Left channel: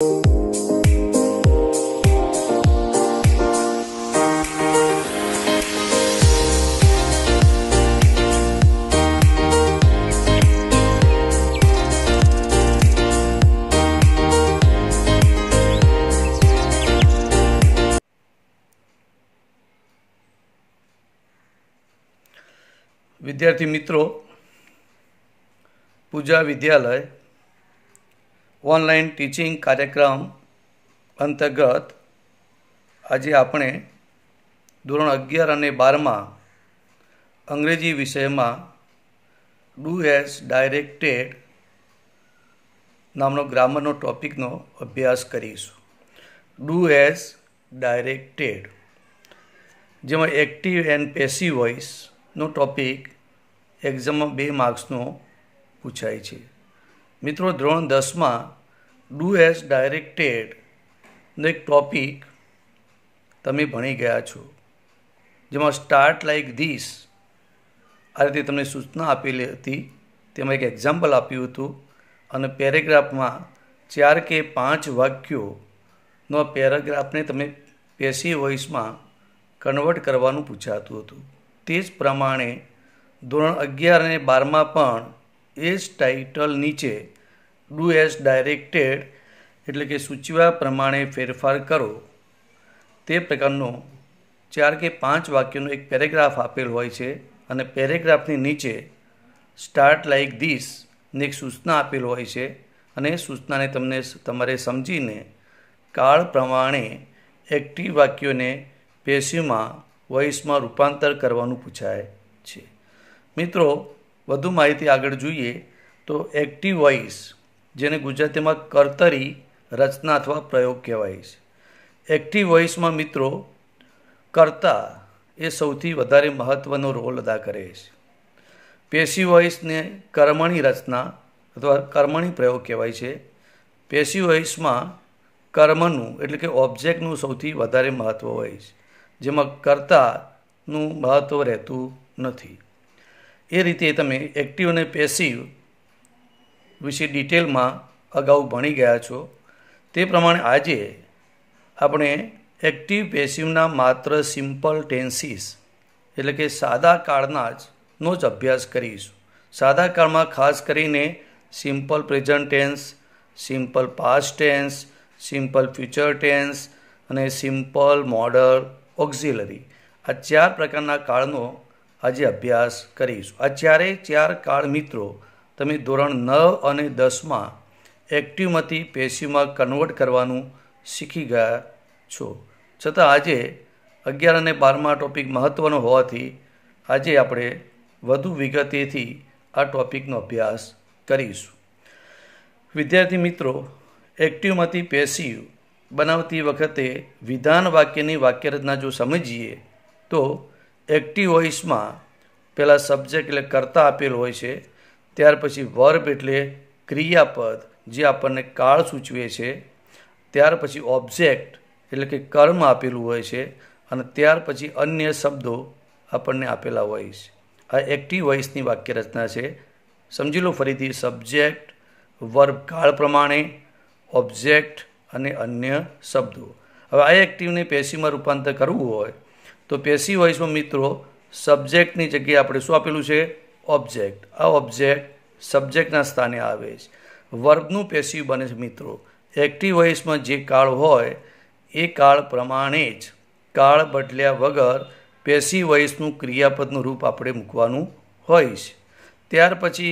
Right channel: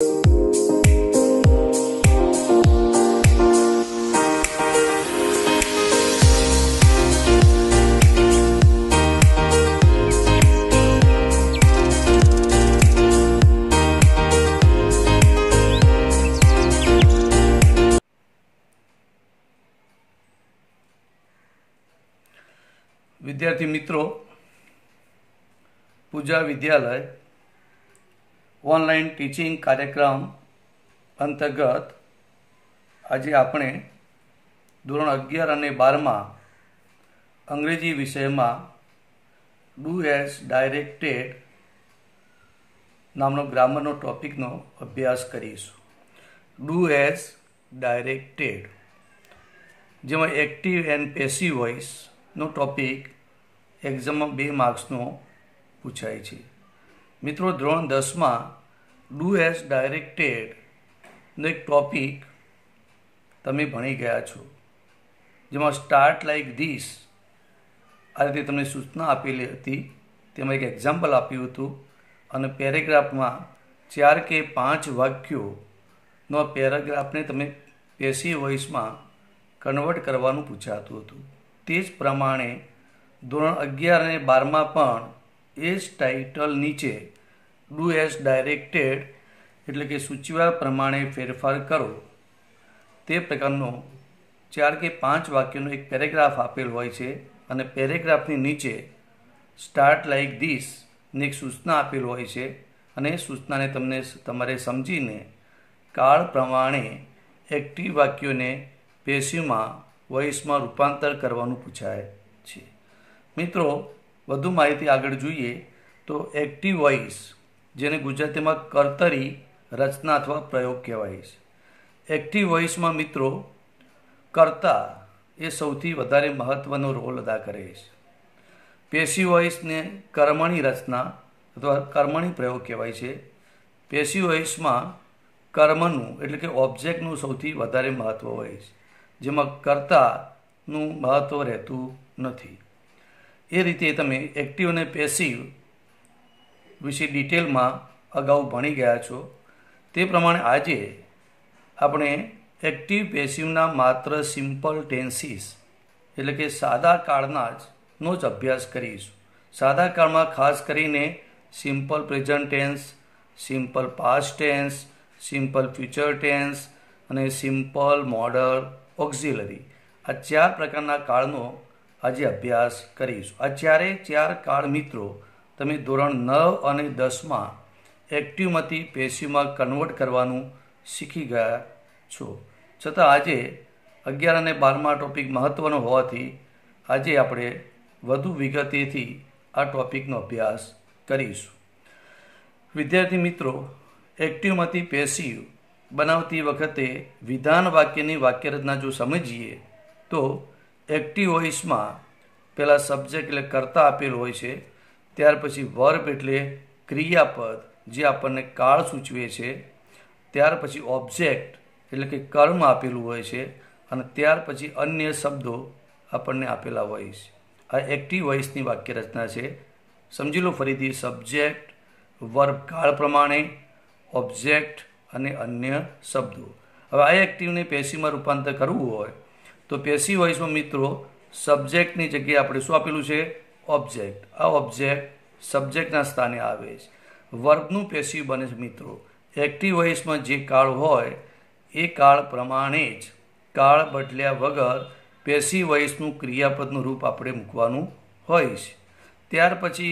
विद्यार्थी मित्रों, पूजा विद्यालय ऑनलाइन टीचिंग कार्यक्रम अंतर्गत आज आपणे धोरण 11 અને 12 में अंग्रेजी विषय में डू एज डायरेक्टेड नामनो ग्रामरनो टॉपिकनो अभ्यास करीशुं। डू एज डायरेक्टेड जेमां एक्टिव एंड पेसिव वॉइस नो टॉपिक एक्जाम में 2 मार्क्सनो पूछाय छे। मित्रों, धोरण 10 में डू एज डायरेक्टेड नो एक टॉपिक तमे भणी गया छो, जेमां स्टार्ट लाइक धीस आ रीते तमने सूचना आपेली हती। तेमां एक एक्जाम्पल आप्युं हतुं अने पेरेग्राफ में 4 के 5 वाक्यों पेरेग्राफने तमे पेसिव वॉइस में कन्वर्ट करवानुं पूछातुं हतुं। ते ज प्रमाणे धोरण 11 અને 12 में पण ए ज टाइटल नीचे डू एज डायरेक्टेड एटले के सूचव्या प्रमाणे फेरफार करो ते प्रकारनो 4 के 5 वाक्यों एक पेरेग्राफ आपेल होय छे अने पेरेग्राफनी नीचे स्टार्ट लाइक धीस ने एक सूचना आपेल होय छे अने सूचनाने तमने तमारे समजीने काळ प्रमाणे एक्टिव वाक्योने पेसिव में वॉइस में रूपांतर करवानुं पूछाय छे। मित्रों, वधु माहिती आगळ जोईए तो एक्टिव वॉइस जेने गुजराती में कर्तरी रचना अथवा प्रयोग कहेवाय छे। एक्टिव वॉइस में मित्रों कर्ता ए सौथी वधारे महत्वनो रोल अदा करे छे। पेसिव वॉइस ने कर्मणी रचना अथवा कर्मणी प्रयोग कहेवाय छे। पेसिव वॉइस में कर्मनुं एटले के ऑब्जेक्टनुं सौथी वधारे महत्व होय छे, जेमां कर्तानुं महत्व रहेतुं नथी। ए रीते तमे एक्टिव अने पेसिव विषे डिटेल में अगाऊ भणी गया छो। ते प्रमाणे आजे आपणे एक्टिव पेसिवना मात्र सिम्पल टेन्सीस एटले के सादा काळना नो ज अभ्यास करीशुं। सादा काळमां खास करीने simple present tense, simple past tense, simple future tense अने सिम्पल मॉडल ऑक्सिलरी आ 4 प्रकारना काळनो आज अभ्यास करीशुं। आ चारे 4 काळ मित्रों तमे धोरण 9 અને 10 में एक्टिव मांथी पेसिव में कन्वर्ट करवानुं शीखी गया छो। छतां आजे 11 અને 12 में टॉपिक महत्वनो होवाथी आजे आपणे વધુ વિગતેથી આ ટોપિકનો અભ્યાસ કરીશું। વિદ્યાર્થી મિત્રો, એક્ટિવમાંથી પેસિવ બનાવતી વખતે વિધાન વાક્યની વાક્યરચના જો સમજીએ તો એક્ટિવ વોઇસમાં પહેલાં સબ્જેક્ટ એટલે કર્તા આપેલ હોય છે, ત્યાર પછી વર્બ એટલે ક્રિયાપદ જે આપણને કાળ સૂચવે છે, ત્યાર પછી ઓબ્જેક્ટ એટલે કે કર્મ આપેલું હોય છે અને ત્યાર પછી અન્ય શબ્દો આપણને આપેલા હોય છે। आ एक्टिव वॉइसनी वाक्य रचना है। समझी लो फरीथी, सब्जेक्ट, वर्ब काल प्रमाणे, ऑब्जेक्ट अने अन्य शब्दों। हवे आ एक्टिव ने पेसिव में रूपांतर करवुं होय तो पेसिव वॉइस में मित्रों सब्जेक्टनी जग्याए आपणे शुं आपेलुं छे? ऑब्जेक्ट। आ ऑब्जेक्ट सब्जेक्टना स्थाने आवे छे। वर्बनुं पेसिव बने छे मित्रों। एक्टिव वॉइस में जे काळ होय ए काळ प्रमाणे ज काळ बदल्या वगर पेसिव वॉइसनुं क्रियापदनुं रूप आपणे मूकवानुं होय छे। त्यार पछी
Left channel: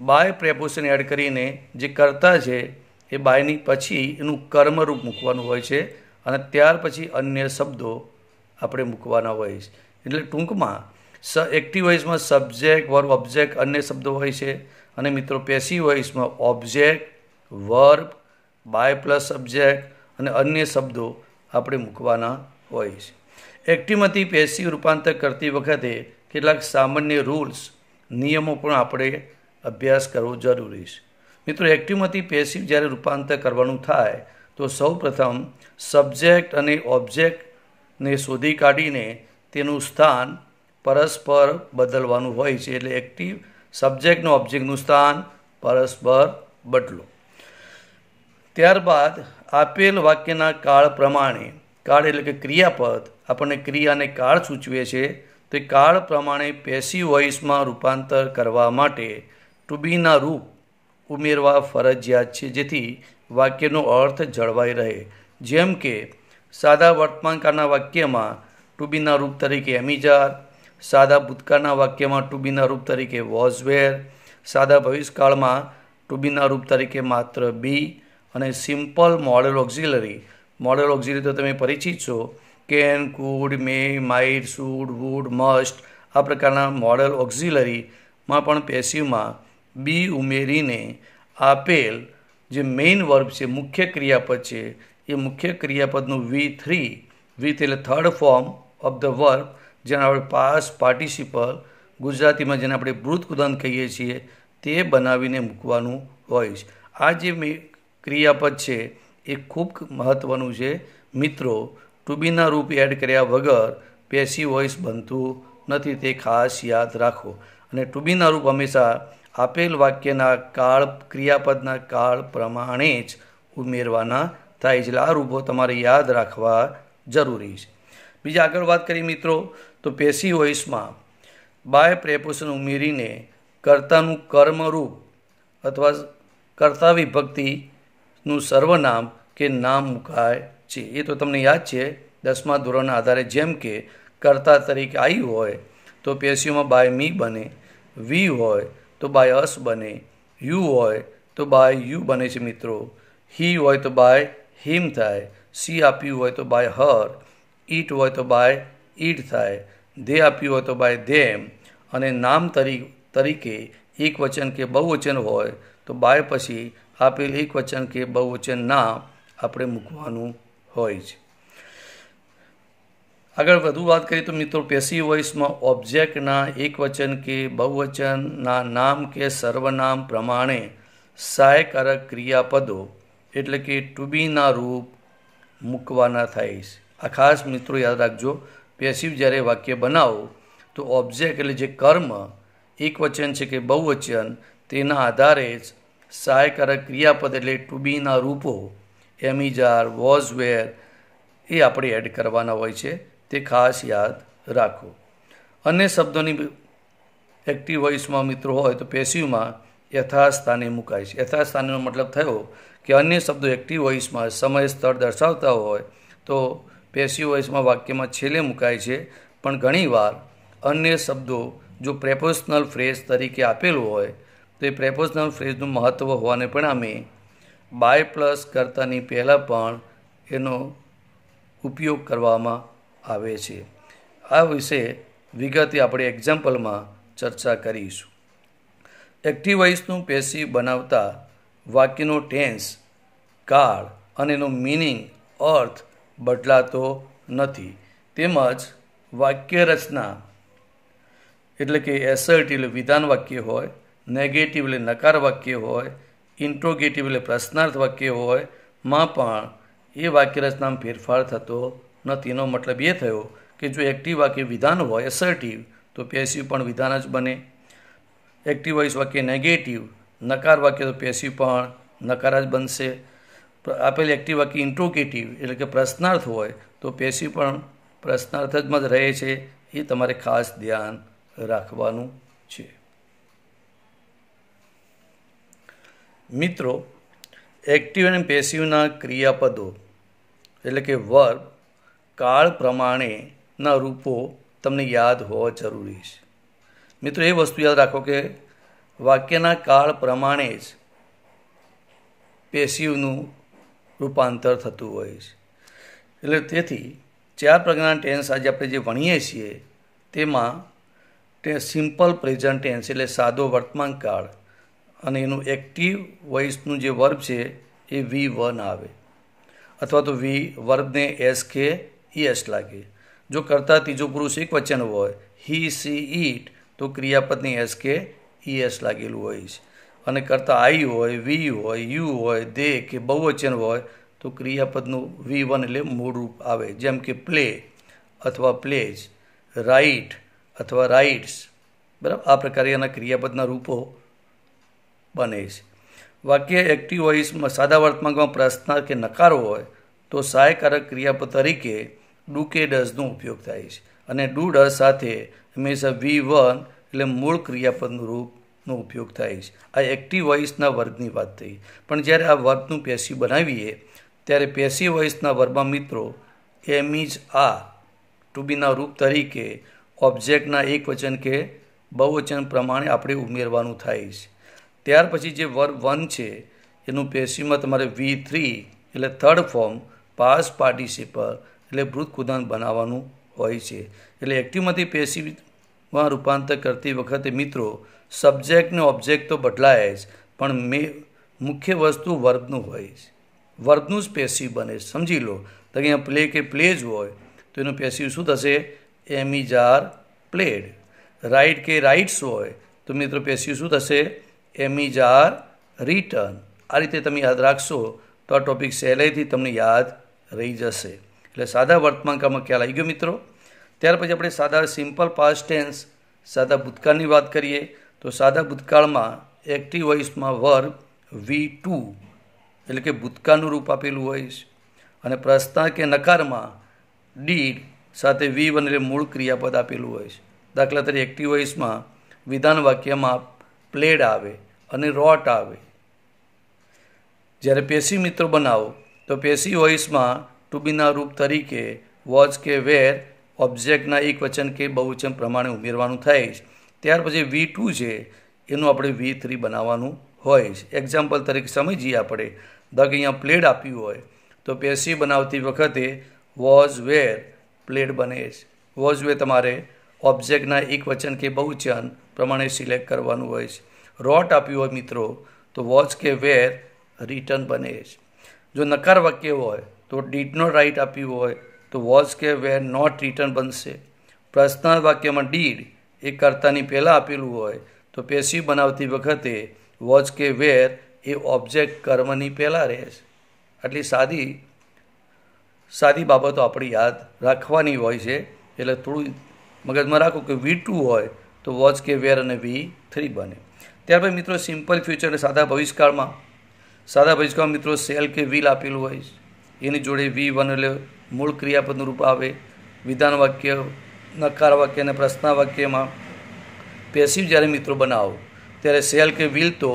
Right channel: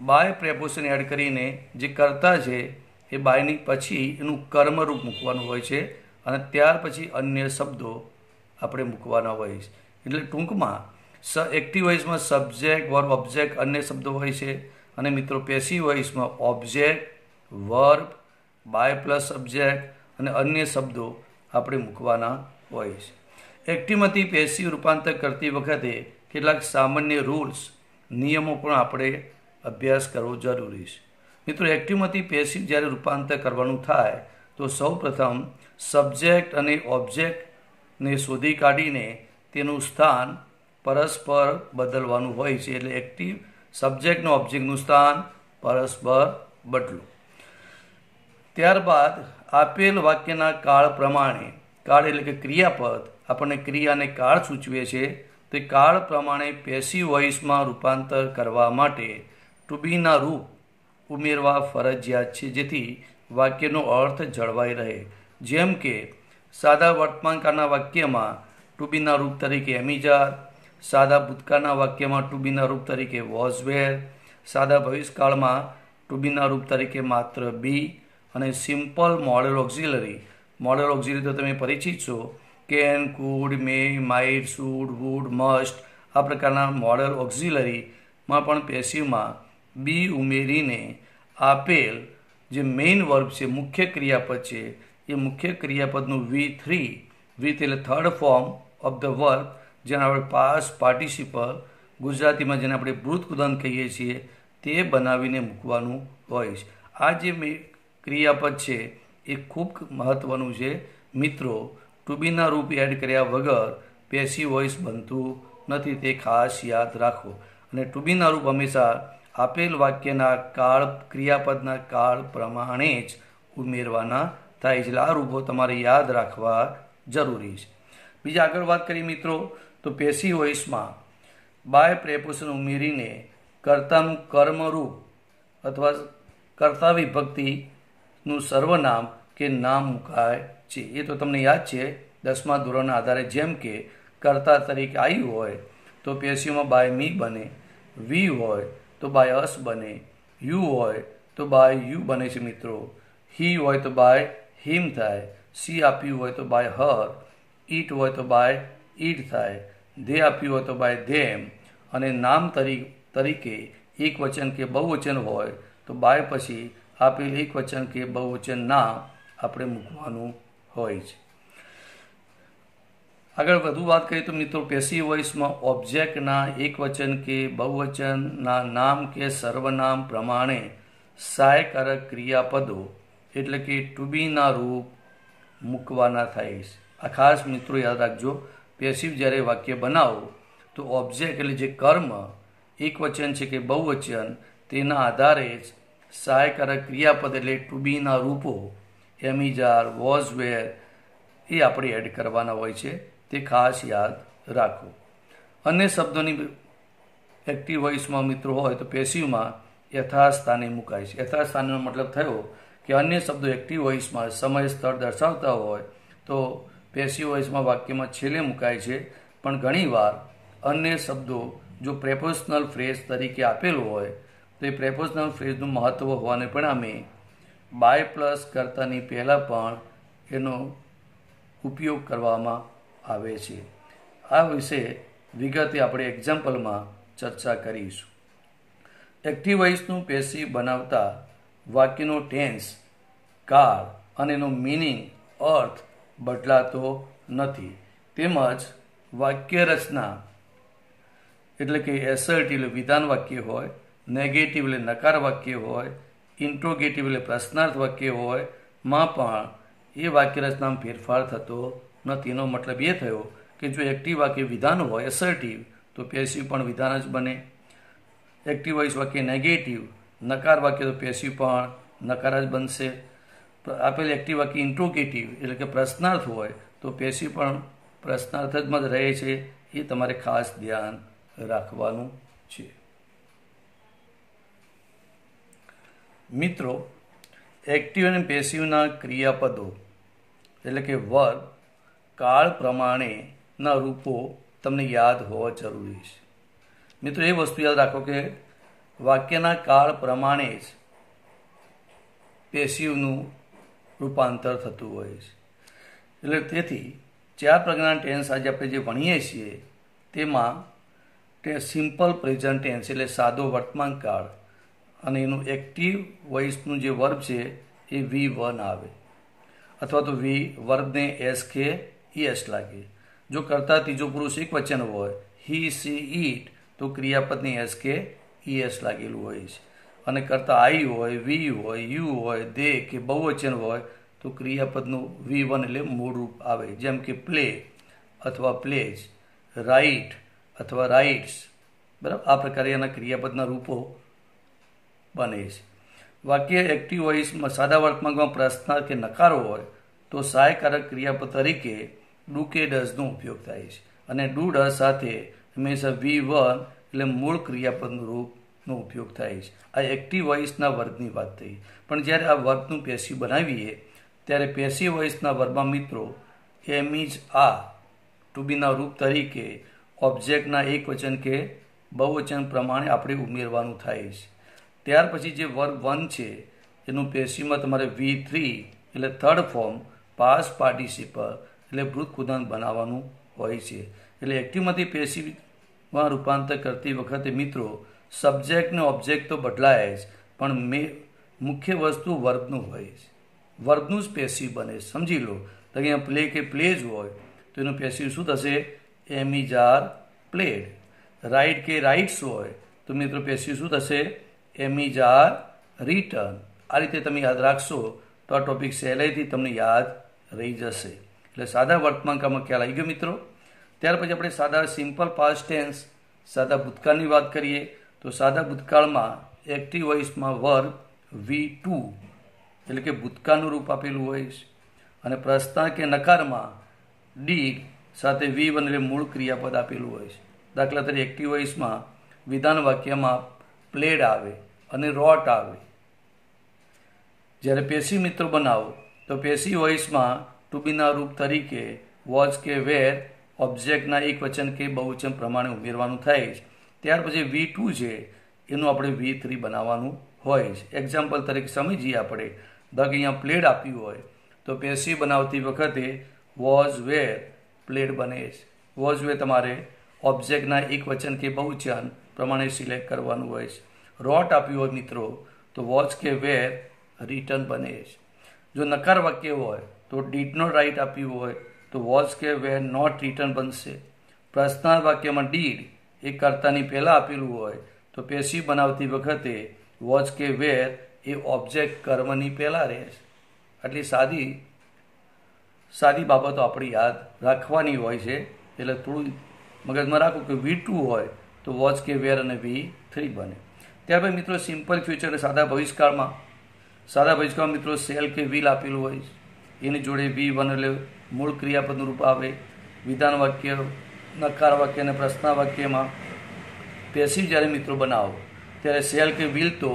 बाय प्रेपोजिशन एड करीने जे कर्ता छे ए बायनी पछी एनुं कर्मरूप मूकवानुं होय छे अने त्यार पछी अन्य शब्दों आपणे मूकवाना होय छे। एटले टूंकमां एक्टिव वॉइस में सब्जेक्ट, वर्ब, ऑब्जेक्ट अन्य शब्दों होय छे अने मित्रों पेसिव वॉइस में object, verb, by plus subject अने अन्य शब्दों आपणे मूकवाना होय छे। एक्टिव में पेसिव रूपांतर करती वखते કેટલાક सामान्य रूल्स नियमों पण आपणे अभ्यास करवो जरूरी है। मित्रों, एक्टिव में पेसिव ज्यारे रूपांतर करवानुं थाय तो सौ प्रथम सब्जेक्ट अने ऑब्जेक्ट ने शोधी काढीने तेनुं स्थान परस्पर बदलवानुं होय छे। एटले एक्टिव सब्जेक्ट ने ऑब्जेक्टनुं स्थान परस्पर बदलो। ત્યારબાદ આપેલ વાક્યના કાળ પ્રમાણે, કાળ એટલે કે ક્રિયાપદ આપણને ક્રિયાને કાળ સૂચવે છે, તે કાળ પ્રમાણે પેસિવ વોઇસમાં રૂપાંતર કરવા માટે ટુ બીના રૂપ ઉમેરવા ફરજિયાત છે, જેથી વાક્યનો અર્થ જળવાઈ રહે. જેમ કે સાદા વર્તમાનકાળના વાક્યમાં ટુ બીના રૂપ તરીકે એમિજાર, સાદા ભૂતકાળના વાક્યમાં ટુ બીના રૂપ તરીકે વોઝ વેર, સાદા ભવિષ્યકાળમાં ટુ બીના રૂપ તરીકે માત્ર બી, અને સિમ્પલ મોડલ ઓક્ઝિલરી તો તમે પરિચિત છો, can, could, may, might, should, would, must. આ પ્રકારના મોડલ ઓક્ઝિલરીમાં પણ પેસિવમાં બી ઉમેરીને આપેલ જે મેઇન વર્બ છે, મુખ્ય ક્રિયાપદ છે, એ મુખ્ય ક્રિયાપદનું V3 એટલે third form of the verb, જેને આપણે પાસ્ટ પાર્ટિસિપલ, ગુજરાતીમાં જેને આપણે ભૂત ઉદાહરણ કહીએ છીએ, તે બનાવીને મૂકવાનું હોય છે. આ જે ક્રિયાપદ છે એ ખૂબ મહત્વનું છે મિત્રો. ટુ બીના રૂપ એડ કર્યા વગર પેસિવ વોઇસ બનતું નથી, તે ખાસ યાદ રાખો. અને ટુ બીના રૂપ હંમેશા આપેલ વાક્યના કાળ, ક્રિયાપદના કાળ પ્રમાણે જ ઉમેરવાના થાય છે. એટલે આ રૂપો તમારે યાદ રાખવા જરૂરી છે. બીજા આગળ વાત કરીએ મિત્રો, તો પેસિવ વોઇસમાં બાય પ્રેપોઝિશન ઉમેરીને કર્તાનું કર્મરૂપ અથવા કર્તા વિભક્તિનું સર્વનામ કે નામ મુકાય છે. એ તો તમને યાદ છે 10મા ધોરણના આધારે. જેમ કે કર્તા તરીકે આઈ હોય તો પેસિવમાં બાય મી બને, વી હોય તો બાય અસ બને, યુ હોય તો બાય યુ બને છે મિત્રો, હી હોય તો બાય હિમ થાય, સી આપ્યું હોય તો બાય હર, ઈટ હોય તો બાય ઈટ થાય, ધે આપ્યું હોય તો બાય ધેમ, અને નામ તરીકે એક વચન કે બહુવચન હોય તો બાય પછી આપેલ એક વચન કે બહુવચન નામ આપણે મૂકવાનું હોય છે. આગળ વધુ વાત કરીએ તો મિત્રો, પેસિવ વોઇસમાં ઓબ્જેક્ટના એક વચન કે બહુવચનના નામ કે સર્વનામ પ્રમાણે સહાયકારક ક્રિયાપદો એટલે કે ટુ બીના રૂપ મૂકવાના થાય છે. આ ખાસ મિત્રો યાદ રાખજો. પેસિવ જ્યારે વાક્ય બનાવો તો ઓબ્જેક્ટ એટલે જે કર્મ એક વચન છે કે બહુવચન, તેના આધારે જ સહાયકારક ક્રિયાપદ એટલે ટુ બીના રૂપો એમિજાર, વોઝ વેર એ આપણે એડ કરવાના હોય છે, તે ખાસ યાદ રાખો. અન્ય શબ્દોની એક્ટિવ વોઇસમાં મિત્રો હોય તો પેસિવમાં યથાસ્થાને મુકાય છે. યથાસ્થાનનો મતલબ થયો કે અન્ય શબ્દો એક્ટિવ વોઇસમાં સમય સ્થળ દર્શાવતા હોય તો પેસિવ વોઇસમાં વાક્યમાં છેલ્લે મુકાય છે. પણ ઘણીવાર અન્ય શબ્દો જો પ્રેપોઝિશનલ ફ્રેઝ તરીકે આપેલું હોય તો એ પ્રેપોઝિશનલ ફ્રેઝનું મહત્ત્વ હોવાને પરિણામે બાય પ્લસ કર્તાની પહેલાં પણ એનો ઉપયોગ કરવામાં આવે છે. આ વિશે વિગતે આપણે એક્ઝામ્પલમાં ચર્ચા કરીશું. એક્ટિવ વોઇસનું પેસિવ બનાવતા વાક્યનો ટેન્સ, કાળ અને એનો મિનિંગ, અર્થ બદલાતો નથી. તેમજ વાક્ય રચના એટલે કે એસર્ટિવ એટલે વિધાન વાક્ય હોય, નેગેટિવ એટલે નકાર વાક્ય હોય, ઇન્ટ્રોગેટિવ એટલે પ્રશ્નાર્થ વાક્ય હોય માં પણ એ વાક્ય રચનામાં ફેરફાર થતો નથી. એનો મતલબ એ થયો કે જો એક્ટિવ વાક્ય વિધાન હોય એસર્ટિવ તો પેસિવ પણ વિધાન જ બને. એક્ટિવ વોઇસ વાક્ય નેગેટિવ, નકાર વાક્ય તો પેસિવ પણ નકાર જ બનશે. આપેલ એક્ટિવ વાક્ય ઇન્ટ્રોગેટિવ એટલે કે પ્રશ્નાર્થ હોય તો પેસિવ પણ પ્રશ્નાર્થ જ રહે છે. એ તમારે ખાસ ધ્યાન રાખવાનું છે. મિત્રો, એક્ટિવ અને પેસિવના ક્રિયાપદો એટલે કે વર્બ કાળ પ્રમાણેના રૂપો તમને યાદ હોવા જરૂરી છે. મિત્રો, એ વસ્તુ યાદ રાખો કે વાક્યના કાળ પ્રમાણે જ પેસિવનું રૂપાંતર થતું હોય છે. એટલે તેથી 4 પ્રકારના ટેન્સ આજે આપણે જે ભણીએ છીએ તેમાં સિમ્પલ પ્રેઝન્ટ ટેન્સ એટલે સાદો વર્તમાન કાળ અને એનું એક્ટિવ વોઇસનું જે વર્બ છે એ V1 આવે, અથવા તો વર્બને એસ કે ઈએસ લાગે. જો કરતા ત્રીજો પુરુષ એક વચન હોય, હી, સી, ઈટ, તો ક્રિયાપદની એસ કે ઈએસ લાગેલું હોય છે. અને કરતા આઈ હોય, વી હોય, યુ હોય, દે કે બહુવચન હોય તો ક્રિયાપદનું V1 એટલે મૂળ રૂપ આવે. જેમ કે પ્લે અથવા પ્લેજ, રાઇટ અથવા રાઇટ્સ. બરાબર, આ પ્રકારે એના ક્રિયાપદના રૂપો બને છે. વાક્ય એક્ટિવ વોઇસમાં સાદા વર્તમાનમાં પ્રશ્ન કે નકારો હોય તો સહાયકારક ક્રિયાપદ તરીકે ડુ કે ડઝનો ઉપયોગ થાય છે અને ડુ ડઝ સાથે હંમેશા V1 એટલે મૂળ ક્રિયાપદનું રૂપનો ઉપયોગ થાય છે. આ એક્ટિવ વોઇસના વર્ગની વાત થઈ. પણ જ્યારે આ વર્બનું પેસિવ બનાવીએ ત્યારે પેસિવ વોઇસના વર્બમાં મિત્રો એમ ઇઝ આ ટુ બીના રૂપ તરીકે ઓબ્જેક્ટના એકવચન કે બહુવચન પ્રમાણે આપણે ઉમેરવાનું થાય છે. ત્યાર પછી જે વર્બ 1 છે એનું પેસિવમાં તમારે V3 એટલે થર્ડ ફોર્મ પાસ્ટ પાર્ટિસિપલ એટલે ભૂતપૂર્ણાંક બનાવવાનું હોય છે. એટલે એક્ટિવમાંથી પેસિવમાં રૂપાંતર કરતી વખતે મિત્રો સબ્જેક્ટ ને ઓબ્જેક્ટ તો બદલાય જ, પણ મુખ્ય વસ્તુ વર્બનું હોય છે. વર્બનું જ પેસિવ બને. સમજી લો તો અહીંયા પ્લે કે પ્લેજ હોય તો એનું પેસિવ શું થશે? એમ ઇઝ આર પ્લેડ. રાઇટ કે રાઇટ્સ હોય તો મિત્રો પેસિવ શું થશે? એમ ઇઝ આર રિટર્ન. આ રીતે તમે યાદ રાખશો તો આ ટોપિક સહેલાઈથી તમને યાદ રહી જશે. એટલે સાદા વર્તમાનકાળમાં ખ્યાલ આવી ગયો મિત્રો. ત્યાર પછી આપણે સાદા સિમ્પલ પાસ્ટ ટેન્સ સાદા ભૂતકાળની વાત કરીએ તો સાદા ભૂતકાળમાં એક્ટિવ વોઇસમાં વર્બ V2 એટલે કે ભૂતકાળનું રૂપ આપેલું હોય છે અને પ્રશ્ન કે નકારમાં ડીડ સાથે V1 એટલે મૂળ ક્રિયાપદ આપેલું હોય છે. દાખલા તરીકે એક્ટિવ વોઇસમાં વિધાન વાક્યમાં પ્લેડ આવે અને રોટ આવે. જ્યારે પેસિવ મિત્રો બનાવો તો પેસિવ વોઇસમાં ટુ બીના રૂપ તરીકે વોચ કે વેર ઓબ્જેક્ટના એકવચન કે બહુવચન પ્રમાણે ઉમેરવાનું થાય છે. ત્યાર પછી V2 છે એનું આપણે V3 બનાવવાનું હોય છે. એક્ઝામ્પલ તરીકે સમજીએ આપણે. ધારો કે અહીંયા પ્લેડ આપ્યું હોય તો પેસિવ બનાવતી વખતે વોઝ વેર પ્લેડ બને છે. વોઝ વેર તમારે ઓબ્જેક્ટના એકવચન કે બહુવચન પ્રમાણે સિલેક્ટ કરવાનું હોય છે. રોટ આપ્યું હોય મિત્રો તો વોચ કે વેર રિટર્ન બને છે. જો નકાર વાક્ય હોય તો ડીડ નોટ રાઇટ આપ્યું હોય તો વોચ કે વેર નોટ રિટર્ન બનશે. પ્રશ્નાર્થ વાક્યમાં ડીડ એ કર્તાની પહેલાં આપેલું હોય તો પેસિવ બનાવતી વખતે વોચ કે વેર એ ઓબ્જેક્ટ કર્મની પહેલાં રહે છે. આટલી સાદી બાબતો આપણે યાદ રાખવાની હોય છે. એટલે થોડું મગજમાં રાખો કે V2 હોય તો વોચ કે વેર અને V3 બને. ત્યારબાદ મિત્રો સિમ્પલ ફ્યુચર સાદા ભવિષ્યકાળમાં મિત્રો સેલ કે વિલ આપેલું હોય છે. એની જોડે V1 એટલે મૂળ ક્રિયાપદનું રૂપ આવે. વિધાન વાક્ય નકાર વાક્ય અને પ્રશ્ન વાક્યમાં પેસિવ જ્યારે મિત્રો બનાવો ત્યારે સેલ કે વિલ તો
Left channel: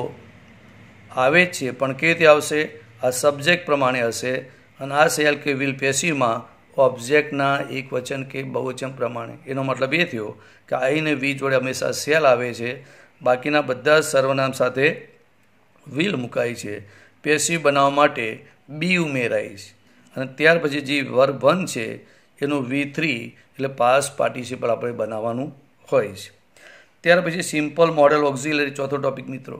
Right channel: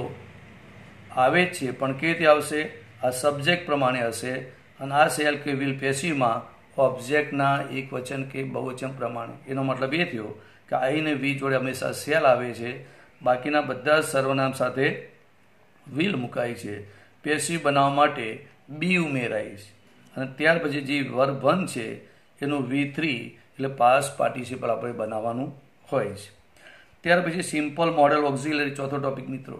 આવે જ છે, પણ કેવી રીતે આવશે? આ સબ્જેક્ટ પ્રમાણે હશે અને આ સેલ કે વિલ પેસિવમાં ઓબ્જેક્ટના એકવચન કે બહુવચન પ્રમાણે. એનો મતલબ એ થયો કે આઈ ને વી જોડે હંમેશા સેલ આવે છે, બાકીના બધા સર્વનામ સાથે વિલ મુકાય છે. પેસિવ બનાવવા માટે બી ઉમેરાય છે અને ત્યાર પછી જે વર્બ 1 છે એનું V3 એટલે પાસ્ટ પાર્ટિસિપલ આપણે બનાવવાનું હોય છે. ત્યાર પછી સિમ્પલ મોડલ ઓક્ઝિલરી ચોથો ટોપિક મિત્રો.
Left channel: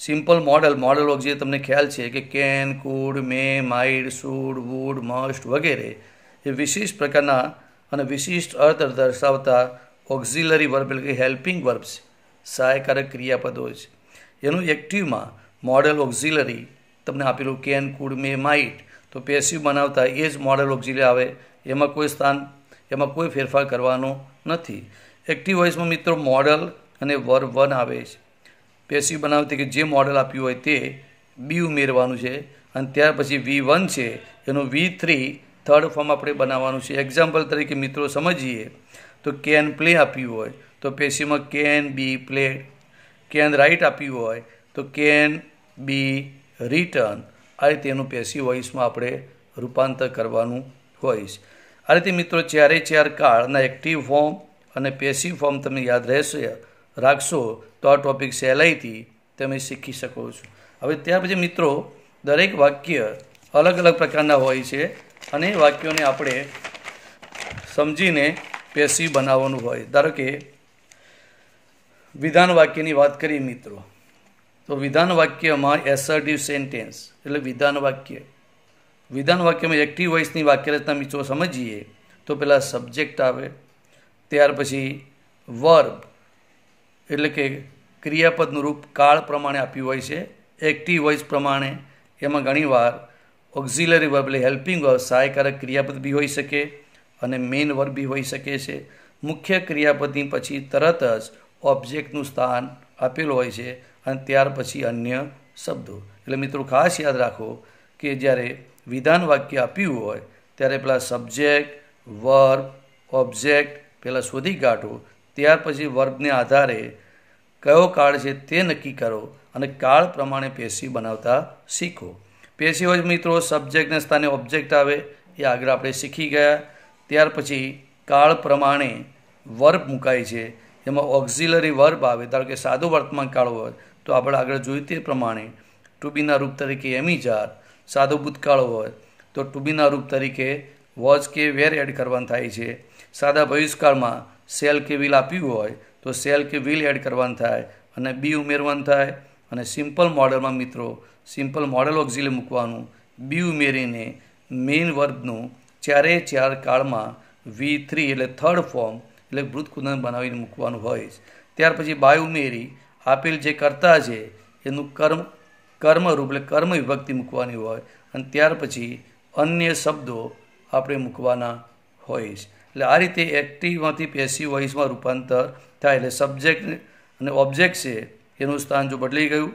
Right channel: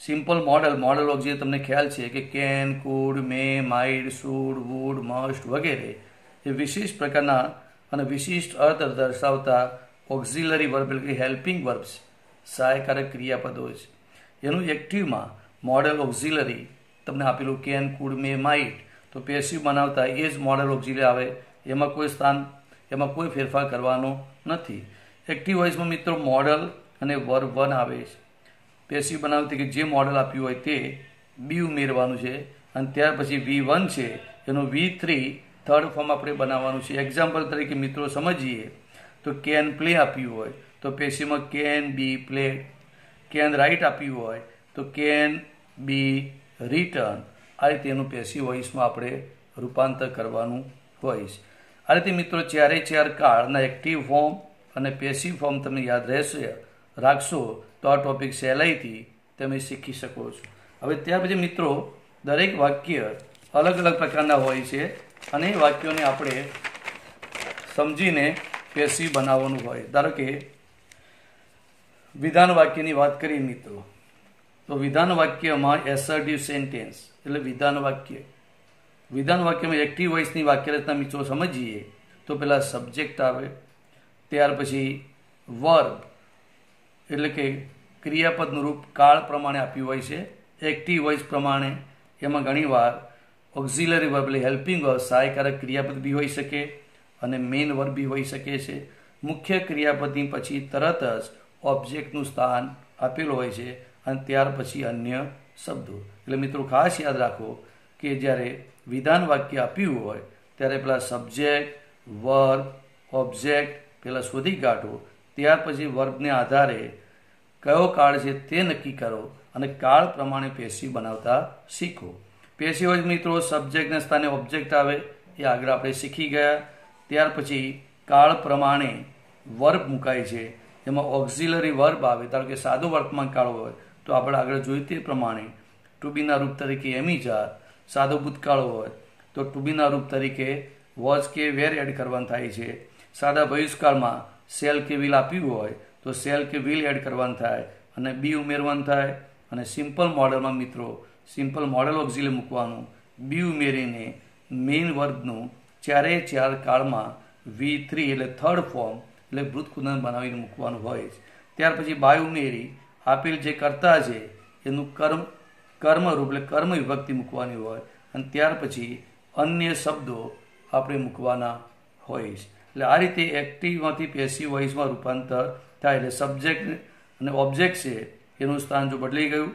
સિમ્પલ મોડલ ઓક્ઝિલરી તમને ખ્યાલ છે કે can, could, may, might, should, would, must વગેરે એ વિશિષ્ટ પ્રકારના અને વિશિષ્ટ અર્થ દર્શાવતા ઓક્ઝિલરી વર્બ એટલે કે હેલ્પિંગ વર્બ્સ સહાયકારક ક્રિયાપદો છે. એનું એક્ટિવમાં મોડલ ઓક્ઝિલરી તમને આપેલું કેન, કુડ, મે, માઇટ તો પેસિવ બનાવતા એ જ મોડલ ઓક્ઝિલરી આવે. એમાં કોઈ ફેરફાર કરવાનો નથી. એક્ટિવ વોઇસમાં મિત્રો મોડલ અને વર્બ 1 આવે છે. પેસિવ બનાવતી કે જે મોડલ આપ્યું હોય તે બી ઉમેરવાનું છે અને ત્યાર પછી V1 છે એનું V3 થર્ડ ફોર્મ આપણે બનાવવાનું છે. એક્ઝામ્પલ તરીકે મિત્રો સમજીએ તો કેન પ્લે આપ્યું હોય તો પેસિવમાં can be played. Can write આપ્યું હોય તો કેન બી રિટર્ન. આ રીતે એનું પેસિવ વોઇસમાં આપણે રૂપાંતર કરવાનું હોય છે. આ રીતે મિત્રો ચારે કાળના એક્ટિવ ફોર્મ અને પેસિવ ફોર્મ તમને યાદ રાખશો તો આ ટોપિક સહેલાઈથી તમે શીખી શકો છો. હવે ત્યાર પછી મિત્રો દરેક વાક્ય અલગ અલગ પ્રકારના હોય છે અને એ વાક્યોને આપણે સમજીને પેસિવ બનાવવાનું હોય. ધારો કે વિધાન વાક્યની વાત કરીએ મિત્રો તો વિધાન વાક્યમાં એસર્ટિવ સેન્ટેન્સ એટલે વિધાન વાક્યમાં એક્ટિવ વોઇસની વાક્ય રચના મિત્રો સમજીએ તો પહેલાં સબ્જેક્ટ આવે, ત્યાર પછી વર્બ એટલે કે ક્રિયાપદનું રૂપ કાળ પ્રમાણે આપ્યું હોય છે. એક્ટિવ વોઇસ પ્રમાણે એમાં ઘણીવાર ઓક્ઝિલરી વર્બ એટલે હેલ્પિંગ વર્બ સહાયકારક ક્રિયાપદ બી હોઈ શકે અને મેઇન વર્બ બી હોઈ શકે છે. મુખ્ય ક્રિયાપદની પછી તરત જ ઓબ્જેક્ટનું સ્થાન આપેલું હોય છે અને ત્યાર પછી અન્ય શબ્દો. એટલે મિત્રો ખાસ યાદ રાખો કે જ્યારે વિધાન વાક્ય આપ્યું હોય ત્યારે પહેલાં સબ્જેક્ટ, વર્બ, ઓબ્જેક્ટ પહેલાં શોધી કાઢો, ત્યાર પછી વર્બને આધારે કયો કાળ છે તે નક્કી કરો અને કાળ પ્રમાણે પેશી બનાવતા શીખો. પેશી હોય મિત્રો સબ્જેક્ટના સ્થાને ઓબ્જેક્ટ આવે, એ આગળ આપણે શીખી ગયા. ત્યાર પછી કાળ પ્રમાણે વર્બ મુકાય છે, એમાં ઓક્ઝિલરી વર્બ આવે. ધારો કે સાદો વર્તમાન કાળ હોય તો આપણે આગળ જોયું તે પ્રમાણે ટુ બીના રૂપ તરીકે એમિજાર, સાદો ભૂતકાળ હોય તો ટુ બીના રૂપ તરીકે વોઝ કે વેર એડ કરવાનું થાય છે. સાદા ભવિષ્યકાળમાં સેલ કે વિલ આપ્યું હોય તો સેલ કે વિલ એડ કરવાનું થાય અને બી ઉમેરવાનું થાય. અને સિમ્પલ મોડલમાં મિત્રો સિમ્પલ મોડલ ઓક્ઝિલરી મૂકવાનું, બી ઉમેરીને મેઇન વર્બનું ચારે ચાર કાળમાં V3 એટલે થર્ડ ફોર્મ એટલે વૃત્તકુંદન બનાવીને મૂકવાનું હોય. ત્યાર પછી બાય ઉમેરી આપેલ જે કર્તા છે એનું કર્મરૂપ એટલે કર્મ વિભક્તિ મૂકવાની હોય અને ત્યાર પછી અન્ય શબ્દો આપણે મૂકવાના હોય. એટલે આ રીતે એક્ટિવમાંથી પેસિવ વોઇસમાં રૂપાંતર થાય. એટલે સબ્જેક્ટ અને ઓબ્જેક્ટ છે એનું સ્થાન જો બદલી ગયું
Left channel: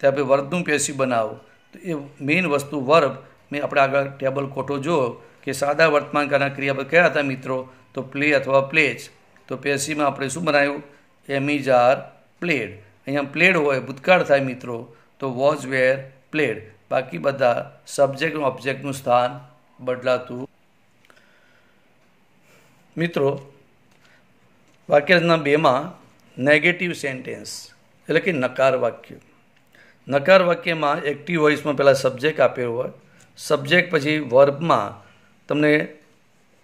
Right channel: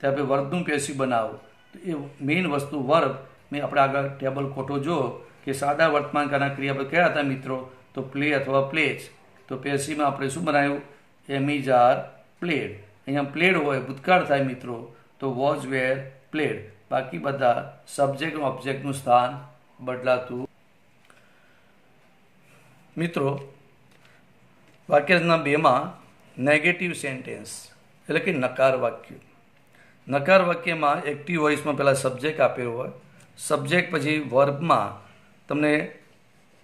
તો આપણે વર્બનું પેસિવ બનાવો તો એ મેઇન વસ્તુ વર્બ મેં આપણે આગળ ટેબલ ખોટો જો કે સાદા વર્તમાનકાળના ક્રિયાપદ કયા હતા મિત્રો, તો પ્લે અથવા પ્લેજ. તો પેસિવમાં આપણે શું બનાવ્યું, એમિઝ આર પ્લેડ. અહીંયા પ્લેડ હોય ભૂતકાળ થાય મિત્રો તો વોઝ વેર પ્લેડ. બાકી બધા સબ્જેક્ટ અને ઓબ્જેક્ટનું સ્થાન બદલાતું. મિત્રો વાક્યરચના 2માં નેગેટિવ સેન્ટેન્સ એટલે કે નકાર વાક્ય. નકાર વાક્યમાં એક્ટિવ વોઇસમાં પહેલાં સબ્જેક્ટ આપેલો હોય, સબ્જેક્ટ પછી વર્બમાં તમને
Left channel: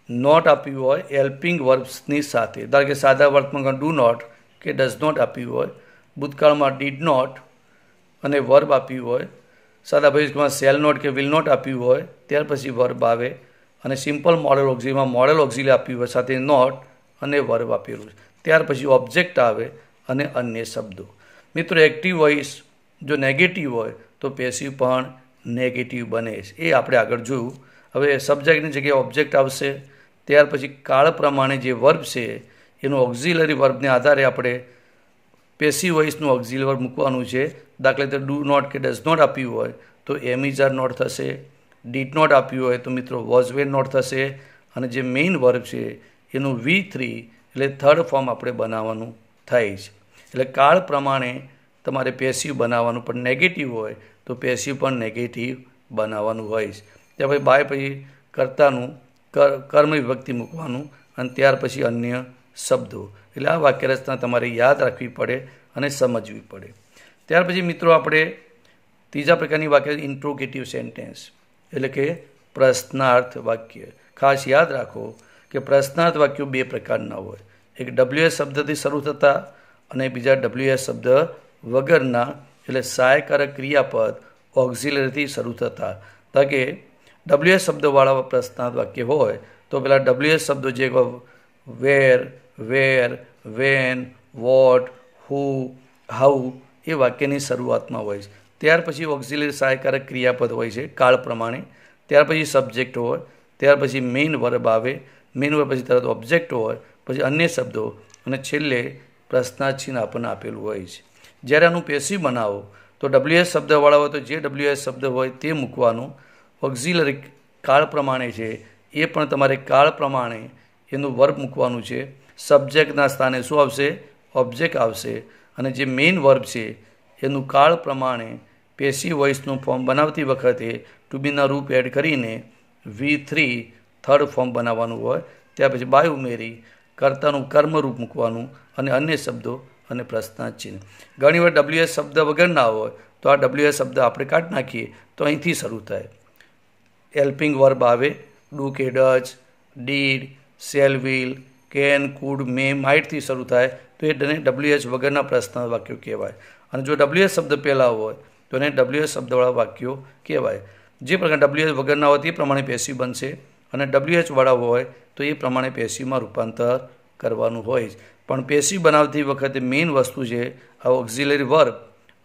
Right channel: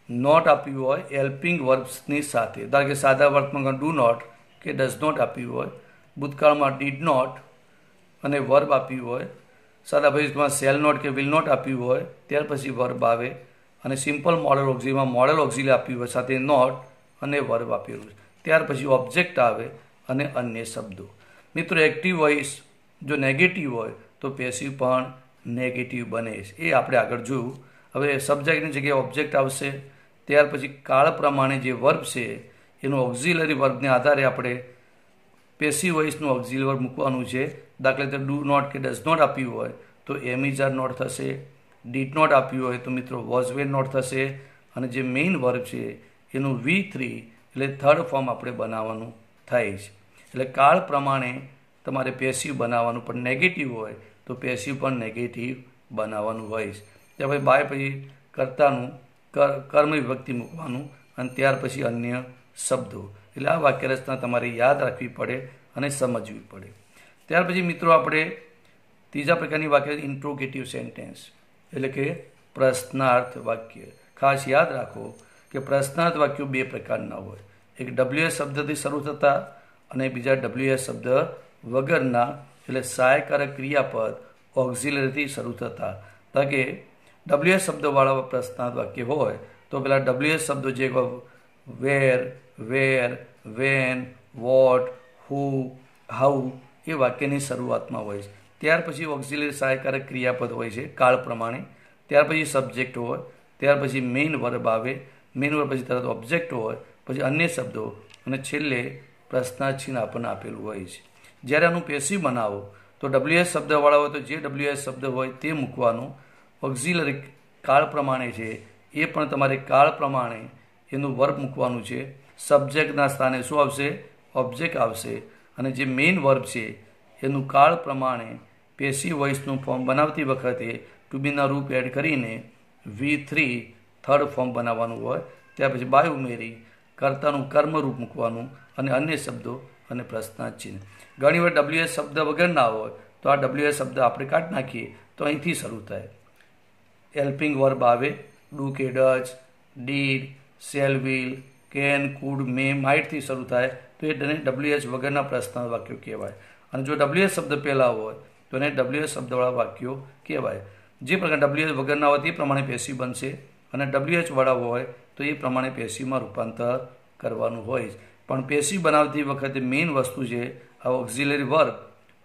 નોટ આપ્યું હોય હેલ્પિંગ વર્બ્સની સાથે. ધારો કે સાદા વર્તમાનમાં ડુ નોટ કે ડઝ નોટ આપ્યું હોય, ભૂતકાળમાં ડીડ નોટ અને વર્બ આપ્યું હોય, સાદા ભવિષ્યમાં શેલ નોટ કે વિલ નોટ આપ્યું હોય, ત્યાર પછી વર્બ આવે. અને સિમ્પલ મોડલ ઓક્ઝિલરીમાં મોડલ ઓક્ઝિલરી આપ્યું હોય સાથે નોટ અને વર્બ આપેલું છે. ત્યાર પછી ઓબ્જેક્ટ આવે અને અન્ય શબ્દો. મિત્રો એક્ટિવ વોઇસ જો નેગેટિવ હોય તો પેસિવ પણ નેગેટિવ બને છે, એ આપણે આગળ જોયું. હવે સબ્જેક્ટની જગ્યાએ ઓબ્જેક્ટ આવશે. ત્યાર પછી કાળ પ્રમાણે જે વર્બ છે એનું ઓક્ઝિલરી વર્બને આધારે આપણે પેસિવ વોઇસનું ઓક્ઝિલરી વર્બ મૂકવાનું છે. દાખલા તરીકે ડુ નોટ કે ડઝ નોટ આપ્યું હોય તો એમિઝ આર નોટ થશે. ડીડ નોટ આપ્યું હોય તો મિત્રો વોઝ વેર નોટ થશે. અને જે મેઇન વર્બ છે એનું V3 એટલે થર્ડ ફોર્મ આપણે બનાવવાનું થાય છે. એટલે કાળ પ્રમાણે તમારે પેસિવ બનાવવાનું, પણ નેગેટિવ હોય તો પેસિવ પણ નેગેટિવ બનાવવાનું હોય છે. ત્યાં પછી બાય પછી કર્તાનું કર્મ વિભક્તિ મૂકવાનું અને ત્યાર પછી અન્ય શબ્દો. એટલે આ વાક્યરચના તમારે યાદ રાખવી પડે અને સમજવી પડે. ત્યાર પછી મિત્રો આપણે ત્રીજા પ્રકારની વાક્ય ઇન્ટ્રોગેટિવ સેન્ટેન્સ એટલે કે પ્રશ્નાર્થ વાક્ય. ખાસ યાદ રાખો કે પ્રશ્નાર્થ વાક્યો બે પ્રકારના હોય, એક WS શબ્દથી શરૂ થતા અને બીજા WS શબ્દ વગરના એટલે સહાયકારક ક્રિયાપદ ઓક્ઝિલરીથી શરૂ થતા. કારણ કે WS શબ્દવાળા પ્રશ્નાર્થ વાક્ય હોય તો પેલા WS શબ્દો જે વેર, વેન, વોટ, હુ, હાઉ એ વાક્યની શરૂઆતમાં હોય છે. ત્યાર પછી ઓક્ઝિલરી સહાયકારક ક્રિયાપદ હોય છે કાળ પ્રમાણે. ત્યાર પછી સબ્જેક્ટ હોય, ત્યાર પછી મેઇન વર્બ આવે, મેઇન વર્બ પછી તરત ઓબ્જેક્ટ હોય, પછી અન્ય શબ્દો અને છેલ્લે પ્રશ્નાર્થ ચિહ્ન આપણને આપેલું હોય છે. જ્યારે આનું પેસિવ બનાવો તો WS શબ્દવાળા હોય તો જે WS શબ્દ હોય તે મૂકવાનું. ઓક્ઝિલરી કાળ પ્રમાણે છે એ પણ તમારે કાળ પ્રમાણે એનું વર્બ મૂકવાનું છે. સબ્જેક્ટના સ્થાને શું આવશે, ઓબ્જેક્ટ આવશે. અને જે મેઇન વર્બ છે એનું કાળ પ્રમાણે પેસિવ વોઇસનું ફોર્મ બનાવતી વખતે ટુ બીના રૂપ એડ કરીને V3 થર્ડ ફોર્મ બનાવવાનું હોય. ત્યાર પછી બાય ઉમેરી કર્તાનું કર્મરૂપ મૂકવાનું અને અન્ય શબ્દો અને પ્રશ્નાર્થ ચિહ્ન. ઘણીવાર WS શબ્દ વગર ના હોય તો આ WS શબ્દ આપણે કાઢી નાખીએ તો અહીંથી શરૂ થાય. હેલ્પિંગ વર્બ આવે, ડુ કે does, did, shall, will, can, could, may, માઇટથી શરૂ થાય તો એ WS વગરના પ્રશ્નાર્થ વાક્યો કહેવાય. અને જો WS શબ્દ પહેલાં હોય તો એને WS શબ્દવાળા વાક્યો કહેવાય. જે પ્રકારે WS વગરના હોય તે પ્રમાણે પેસિવ બનશે અને WH વાળા હોય તો એ પ્રમાણે પેસિવમાં રૂપાંતર કરવાનું હોય. પણ પેસિવ બનાવતી વખતે મેઇન વસ્તુ છે આ ઓક્ઝિલરી વર્બ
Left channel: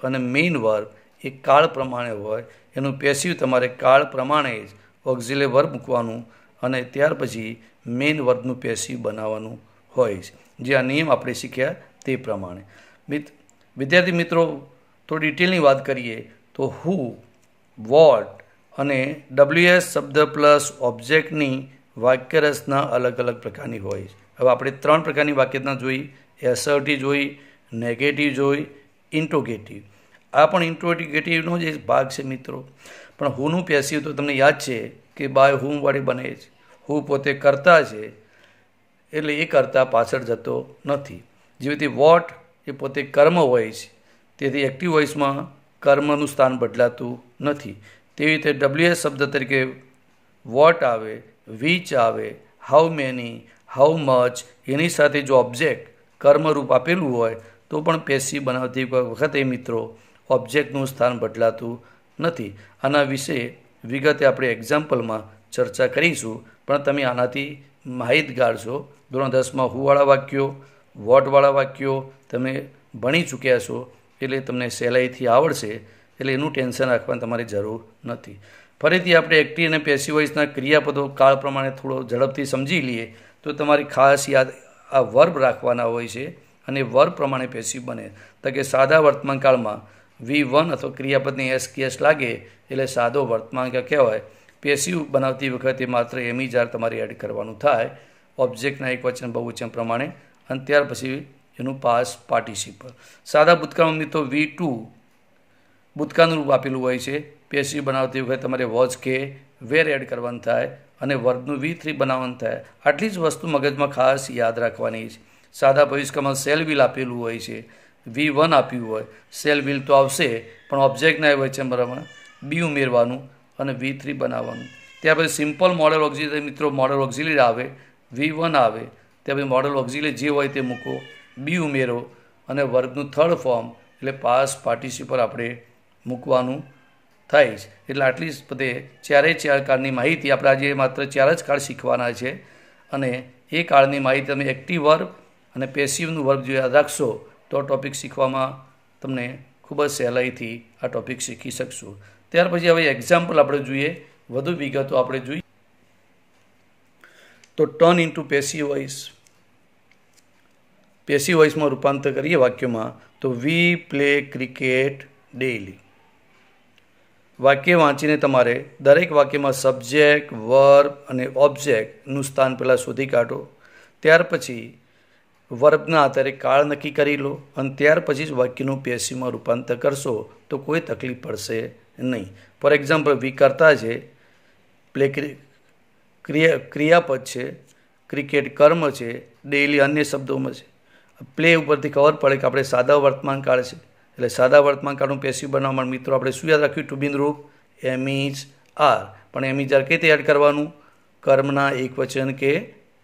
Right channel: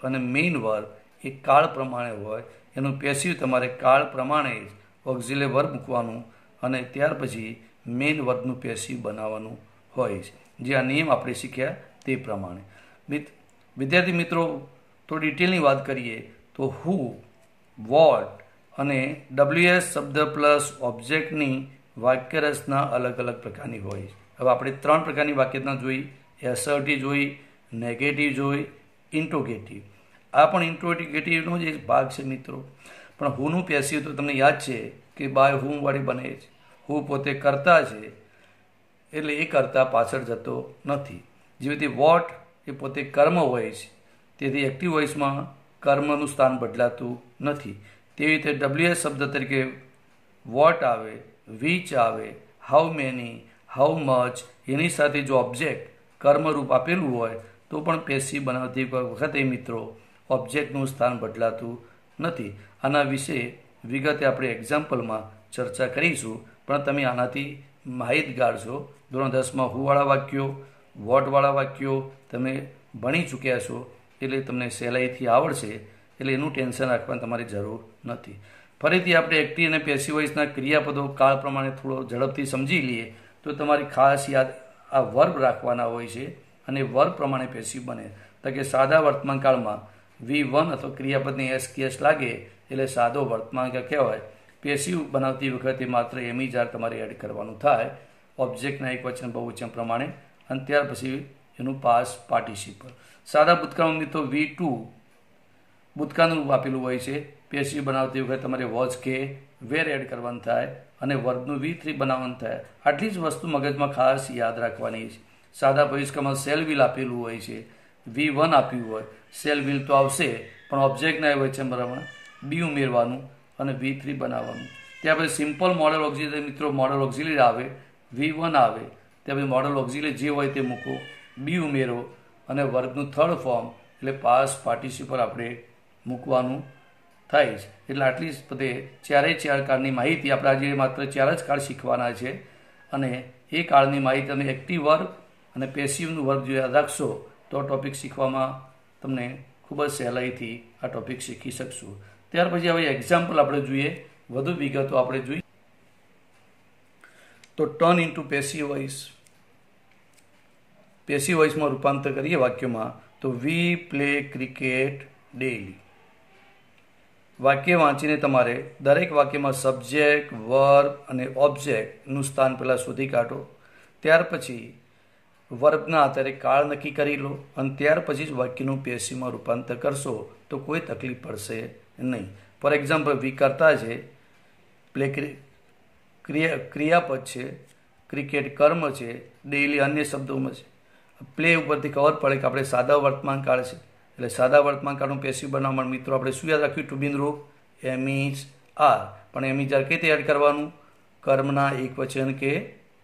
અને મેઇન વર્બ એ કાળ પ્રમાણે હોય. એનું પેસિવ તમારે કાળ પ્રમાણે જ ઓક્ઝિલરી વર્બ મૂકવાનું અને ત્યાર પછી મેઇન વર્બનું પેસિવ બનાવવાનું હોય. જે આ નિયમ આપણે શીખ્યા તે પ્રમાણે. વિદ્યાર્થી મિત્રો થોડી ડિટેલની વાત કરીએ તો હુ, વોટ અને WS શબ્દ પ્લસ ઓબ્જેક્ટની વાક્યરચના અલગ અલગ પ્રકારની હોય. હવે આપણે 3 પ્રકારની વાક્યરચના જોઈ. એસર્ટિવ જોઈ, નેગેટિવ જોઈ, ઇન્ટ્રોગેટિવ. આ પણ ઇન્ટ્રોગેટિવનો જ ભાગ છે મિત્રો. પણ હુનું પેસિવ તો તમને યાદ છે કે બાય હુમ વડે બને છે. હુ પોતે કરતા છે એટલે એ કરતા પાછળ જતો નથી. જેવી રીતે વોટ એ પોતે કર્મ હોય છે, તેથી એક્ટિવ વોઇસમાં કર્મનું સ્થાન બદલાતું નથી. તેવી રીતે WS શબ્દ તરીકે વોટ આવે, વિચ આવે, હાઉ મેની, હાઉ મચ, એની સાથે જો ઓબ્જેક્ટ કર્મરૂપ આપેલું હોય તો પણ પેસિવ બનાવતી વખતે મિત્રો ઓબ્જેક્ટનું સ્થાન બદલાતું નથી. આના વિશે વિગતે આપણે એક્ઝામ્પલમાં ચર્ચા કરીશું, પણ તમે આનાથી માહિતગાર છો. ધોરણ 10માં હુવાળા વાક્યો, વોટવાળા વાક્યો તમે ભણી ચૂક્યા છો, એટલે તમને સહેલાઈથી આવડશે, એટલે એનું ટેન્શન રાખવાની તમારી જરૂર નથી. ફરીથી આપણે એક્ટિવ અને પેસિવ વોઇસના ક્રિયાપદો કાળ પ્રમાણે થોડો ઝડપથી સમજી લઈએ તો તમારી ખાસ યાદ આ વર્બ રાખવાના હોય છે અને વર્બ પ્રમાણે પેસિવ બને. તો કે સાદા વર્તમાન કાળમાં V1 અથવા ક્રિયાપદની એસ લાગે એટલે સાદો વર્તમાન કાળ કહેવાય. પેસિવ બનાવતી વખતે માત્ર એમ જ તમારે એડ કરવાનું થાય ઓબ્જેક્ટના એકવચન બહુવચન પ્રમાણે, અને ત્યાર પછી એનું પાસ પાર્ટિસિપલ. સાદા ભૂતકાળમાં મિત્રો V2 ભૂતકાળનું રૂપ આપેલું હોય છે. પેસિવ બનાવતી વખતે તમારે વોઝ કે વેર એડ કરવાનું થાય અને વર્બનું V3 બનાવવાનું થાય. આટલી જ વસ્તુ મગજમાં ખાસ યાદ રાખવાની છે. સાદા ભવિષ્યકાળમાં સેલ વિલ આપેલું હોય છે, V1 આપ્યું હોય, સેલ વિલ તો આવશે પણ ઓબ્જેક્ટના વચન બરાબર બી ઉમેરવાનું અને V3 બનાવવાનું. ત્યાર પછી સિમ્પલ મોડલ ઓક્ઝિલરી મિત્રો મોડલ ઓક્ઝિલરી આવે, V1 આવે, ત્યાર પછી મોડલ ઓક્ઝિલરી જે હોય તે મૂકો, બી ઉમેરો અને વર્ગનું થર્ડ ફોર્મ એટલે પાસ પાર્ટિસિપલ આપણે મૂકવાનું થાય છે. એટલે આટલી જ બધે ચાર કાળની માહિતી આપણે આજે માત્ર 4 જ કાળ શીખવાના છે, અને એ કાળની માહિતી તમે એક્ટિવ વર્બ અને પેસિવનું વર્બ જો યાદ રાખશો તો આ ટોપિક શીખવામાં તમને ખૂબ જ સહેલાઈથી આ ટોપિક શીખી શકશું. ત્યાર પછી હવે એક્ઝામ્પલ આપણે જોઈએ, વધુ વિગતો આપણે જોઈએ. તો turn into passive voice. Passive વોઇસમાં રૂપાંતર કરીએ વાક્યમાં તો વી પ્લે ક્રિકેટ ડેઇલી. વાક્ય વાંચીને તમારે દરેક વાક્યમાં સબ્જેક્ટ, વર્બ અને ઓબ્જેક્ટનું સ્થાન પહેલાં શોધી કાઢો. ત્યાર પછી વર્બના આધારે કાળ નક્કી કરી લો અને ત્યાર પછી જ વાક્યનું પેસિવમાં રૂપાંતર કરશો તો કોઈ તકલીફ પડશે નહીં. ફોર એક્ઝામ્પલ વી કરતા છે, પ્લે ક્રિયાપદ છે, ક્રિકેટ કર્મ છે, ડેઇલી અન્ય શબ્દોમાં છે. પ્લે ઉપરથી ખબર પડે કે આપણે સાદા વર્તમાન કાળ છે, એટલે સાદા વર્તમાન કાળનું પેસિવ બનાવવા માટે મિત્રો આપણે શું યાદ રાખ્યું? ટુ બીનું રૂપ એમ ઇઝ આર. પણ એમ ઇઝ આર કઈ રીતે એડ કરવાનું? કર્મના એકવચન કે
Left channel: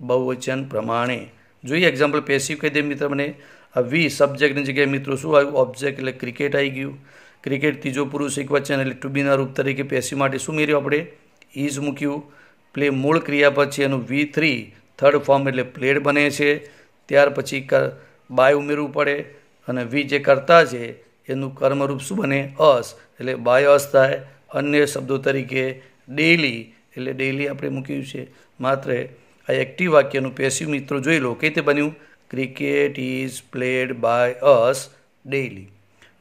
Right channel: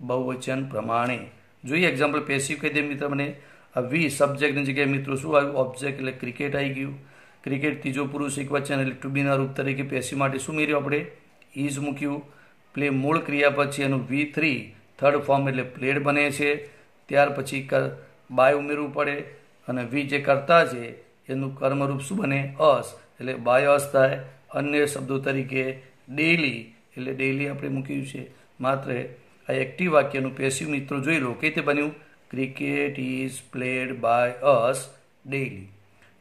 બહુવચન પ્રમાણે. જોઈએ એક્ઝામ્પલ પેસિવ કહી દે મિત્ર મને. આ વી સબ્જેક્ટની જગ્યાએ મિત્રો શું આવ્યું? ઓબ્જેક્ટ એટલે ક્રિકેટ આવી ગયું. ક્રિકેટ ત્રીજો પુરુષ એકવચન એટલે ટુ બીના રૂપ તરીકે પેસિવ માટે શું મેળવ્યું આપણે? ઇઝ મૂક્યું. પ્લે મૂળ ક્રિયાપદ છે એનું V3 થર્ડ ફોર્મ એટલે પ્લેડ બને છે. ત્યાર પછી બાય ઉમેરવું પડે અને વી જે કરતા છે એનું કર્મરૂપ શું બને? અસ, એટલે બાય અસ થાય. અન્ય શબ્દો તરીકે ડેઇલી એટલે ડેઇલી આપણે મૂક્યું છે. માત્ર આ એક્ટિવ વાક્યનું પેસિવ મિત્રો જોઈ લો કઈ રીતે બન્યું? Cricket is played by us daily.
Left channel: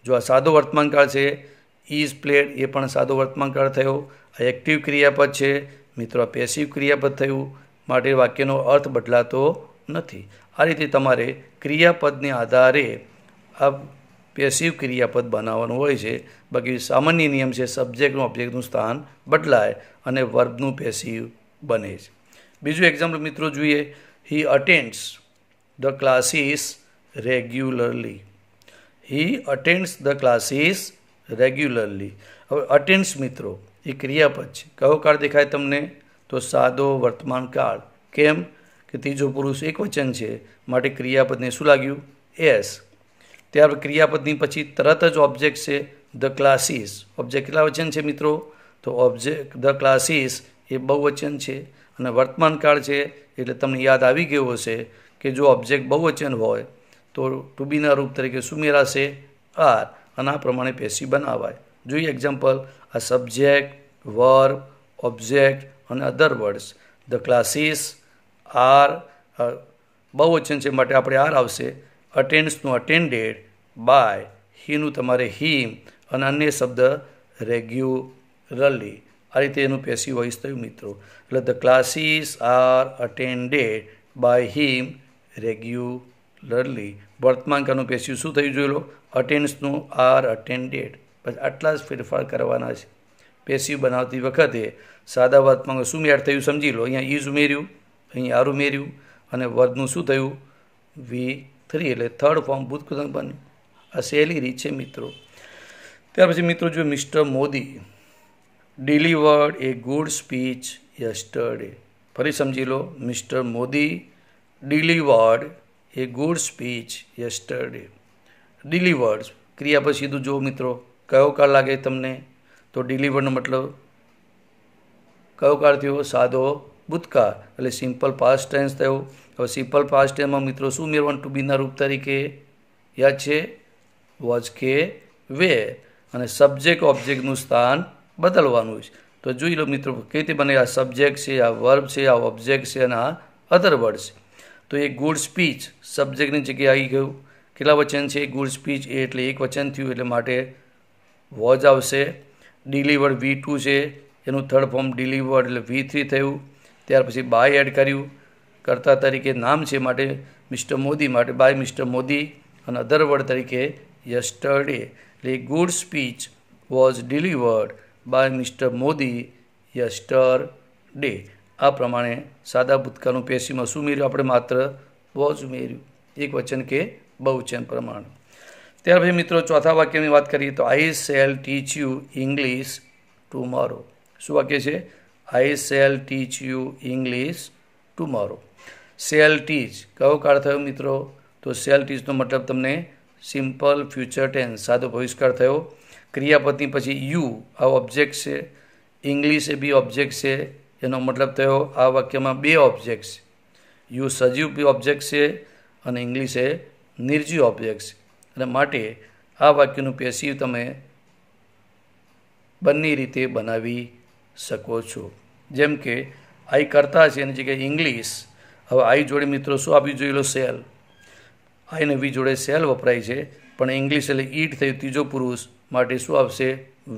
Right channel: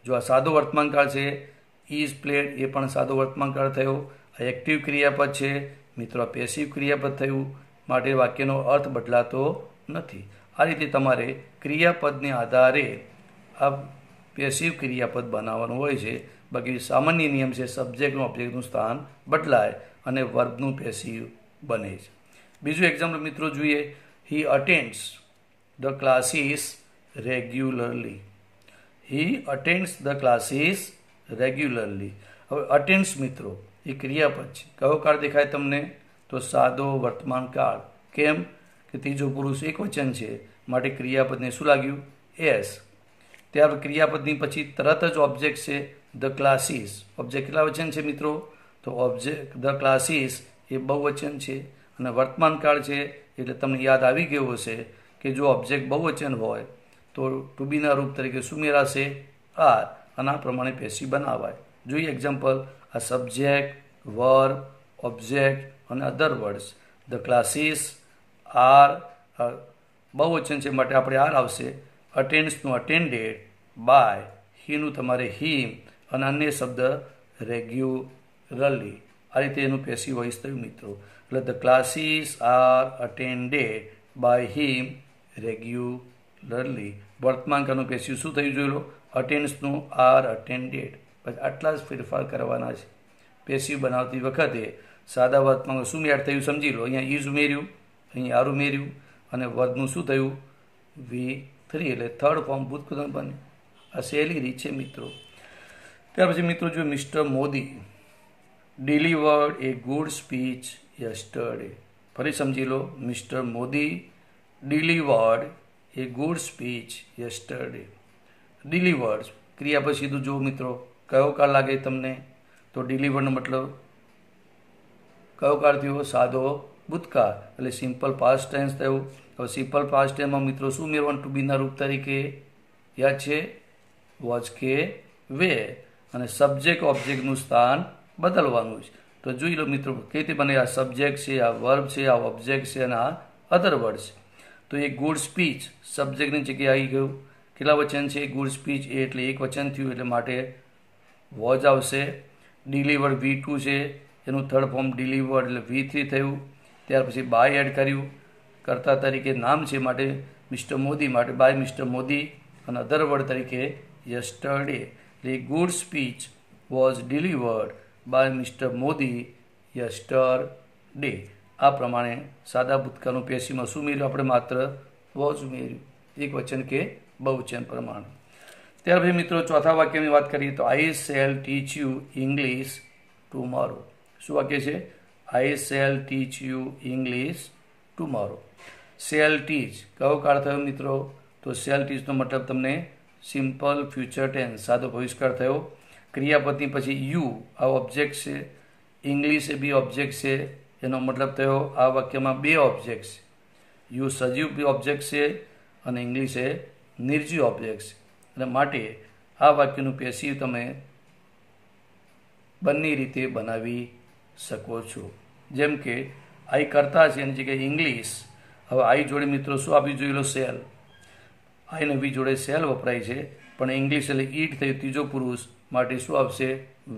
જો આ સાદો વર્તમાન કાળ છે, ઇઝ પ્લેડ એ પણ સાદો વર્તમાન કાળ થયો. આ એક્ટિવ ક્રિયાપદ છે મિત્રો, આ પેસિવ ક્રિયાપદ થયું, માટે વાક્યનો અર્થ બદલાતો નથી. આ રીતે તમારે ક્રિયાપદને આધારે આ પેસિવ ક્રિયાપદ બનાવવાનું હોય છે. બાકી સામાન્ય નિયમ છે સબ્જેક્ટનું ઓબ્જેક્ટનું સ્થાન બદલાય અને વર્બનું પેસિવ બને છે. બીજું એક્ઝામ્પલ મિત્રો જોઈએ. He attends the classes regularly. He attends the classes regularly. હવે અટેન્ડ્સ મિત્રો એ ક્રિયાપદ છે. કયો કાળ દેખાય તમને? તો સાદો વર્તમાન કાળ. કેમ કે ત્રીજો પુરુષ એકવચન છે માટે ક્રિયાપદને શું લાગ્યું? એસ. ત્યાર ક્રિયાપદની પછી તરત જ ઓબ્જેક્ટ છે ધ ક્લાસીસ. ઓબ્જેક્ટ કેટલા વચન છે મિત્રો? તો ઓબ્જેક્ટ ધ ક્લાસીસ એ બહુવચન છે અને વર્તમાન કાળ છે એટલે તમને યાદ આવી ગયું હશે કે જો ઓબ્જેક્ટ બહુવચન હોય તો ટુ બીના રૂપ તરીકે શું મેળાશે? આર. અને આ પ્રમાણે પેસિવ બનાવાય. જોઈએ એક્ઝામ્પલ. આ સબ્જેક્ટ, વર્બ, ઓબ્જેક્ટ અને અધર વર્ડ્સ. ધ ક્લાસીસ આર બહુવચન છે માટે આપણે આર આવશે. અટેન્ડ્સનું અટેન્ડેડ, બાય, હીનું તમારે હિમ અને અન્ય શબ્દ રેગ્યુલરલી. આ રીતે એનું પેસિવ વોઇસ થયું મિત્રો. એટલે the classes are attended by him regularly. વર્તમાનકાળનું પેસિવ શું થયું જોઈ લો, અટેન્ડ્સનું આર અટેન્ડેડ. બસ આટલા જ ફેરફાર કરવાના છે. પેસિવ બનાવતી વખતે સાદા વર્તમાનમાં શું એડ થયું સમજી લો. અહીંયા ઇઝ ઉમેર્યું, અહીંયા આર ઉમેર્યું અને વર્બનું શું થયું V3, એટલે થર્ડ ફોર્મ ભૂતપૂર્વ બન્યું. આ સહેલી રીત છે મિત્રો. ત્યાર પછી મિત્રો જો મિસ્ટર મોદી ડિલિવર્ડ એ ગુડ સ્પીચ યસ્ટરડે. ફરી સમજી લો, મિસ્ટર મોદી ડિલિવર્ડ એ ગુડ સ્પીચ યસ્ટરડે. ડિલિવર્ડ ક્રિયા પછી સીધું જો મિત્રો કયો કાળ લાગે તમને, તો ડિલિવર્ડનો મતલબ કયો કાળ થયો, સાદો ભૂતકાળ, એટલે સિમ્પલ પાસ્ટ ટેન્સ થયો. હવે સિમ્પલ પાસ્ટ ટેન્સમાં મિત્રો શું ઉમેરવાનું ટુ બીના રૂપ તરીકે, યાદ છે, વોઝ કે વે, અને સબ્જેક્ટ ઓબ્જેક્ટનું સ્થાન બદલવાનું છે. તો જોઈ લો મિત્રો કેવી રીતે બને. આ સબ્જેક્ટ છે, આ વર્બ છે, આ ઓબ્જેક્ટ છે અને આ અધર વર્ડ છે. તો એ ગુડ સ્પીચ સબ્જેક્ટની જગ્યાએ આવી ગયું. કેટલા વચન છે ગુડ સ્પીચ, એ એટલે એક વચન થયું, એટલે માટે વોઝ આવશે. ડિલિવર્ડ V2 છે, એનું થર્ડ ફોર્મ ડિલિવર્ડ એટલે V3 થયું. ત્યાર પછી બાય એડ કર્યું, કર્તા તરીકે નામ છે માટે મિસ્ટર મોદી, માટે બાય મિસ્ટર મોદી, અને અધર વર્ડ તરીકે યસ્ટરડે. એટલે good speech was delivered by mister Modi yesterday. આ પ્રમાણે સાદા ભૂતકાળનું પેસિવમાં શું ઉમેર્યું આપણે, માત્ર વોઝ ઉમેર્યું, એક વચન કે બહુવચન પ્રમાણે. ત્યાર પછી મિત્રો ચોથા વાક્યની વાત કરીએ તો I shall teach you English tomorrow. શું વાક્ય છે, I shall teach you English tomorrow. Shall teach કયો કાળ થયો મિત્રો, તો શેલ ટીચનો મતલબ તમને સિમ્પલ ફ્યુચર ટેન્સ, સાદો ભવિષ્યકાળ થયો. ક્રિયાપદની પછી યુ આ ઓબ્જેક્ટ છે, ઇંગ્લિશ એ બી ઓબ્જેક્ટ છે, એનો મતલબ થયો આ વાક્યમાં બે ઓબ્જેક્ટ છે. યુ સજીવ બી ઓબ્જેક્ટ છે અને ઇંગ્લિશ એ નિર્જીવ ઓબ્જેક્ટ છે. અને માટે આ વાક્યનું પેસિવ તમે બંને રીતે બનાવી શકો છો. જેમ કે આઈ કરતા છે એની જગ્યાએ ઇંગ્લિશ. હવે આઈ જોડે મિત્રો શું આપી જોઈ લો, સેલ. આઈ ને વી જોડે સેલ વપરાય છે, પણ ઇંગ્લિશ એટલે ઈટ થયું ત્રીજો પુરુષ, માટે શું આવશે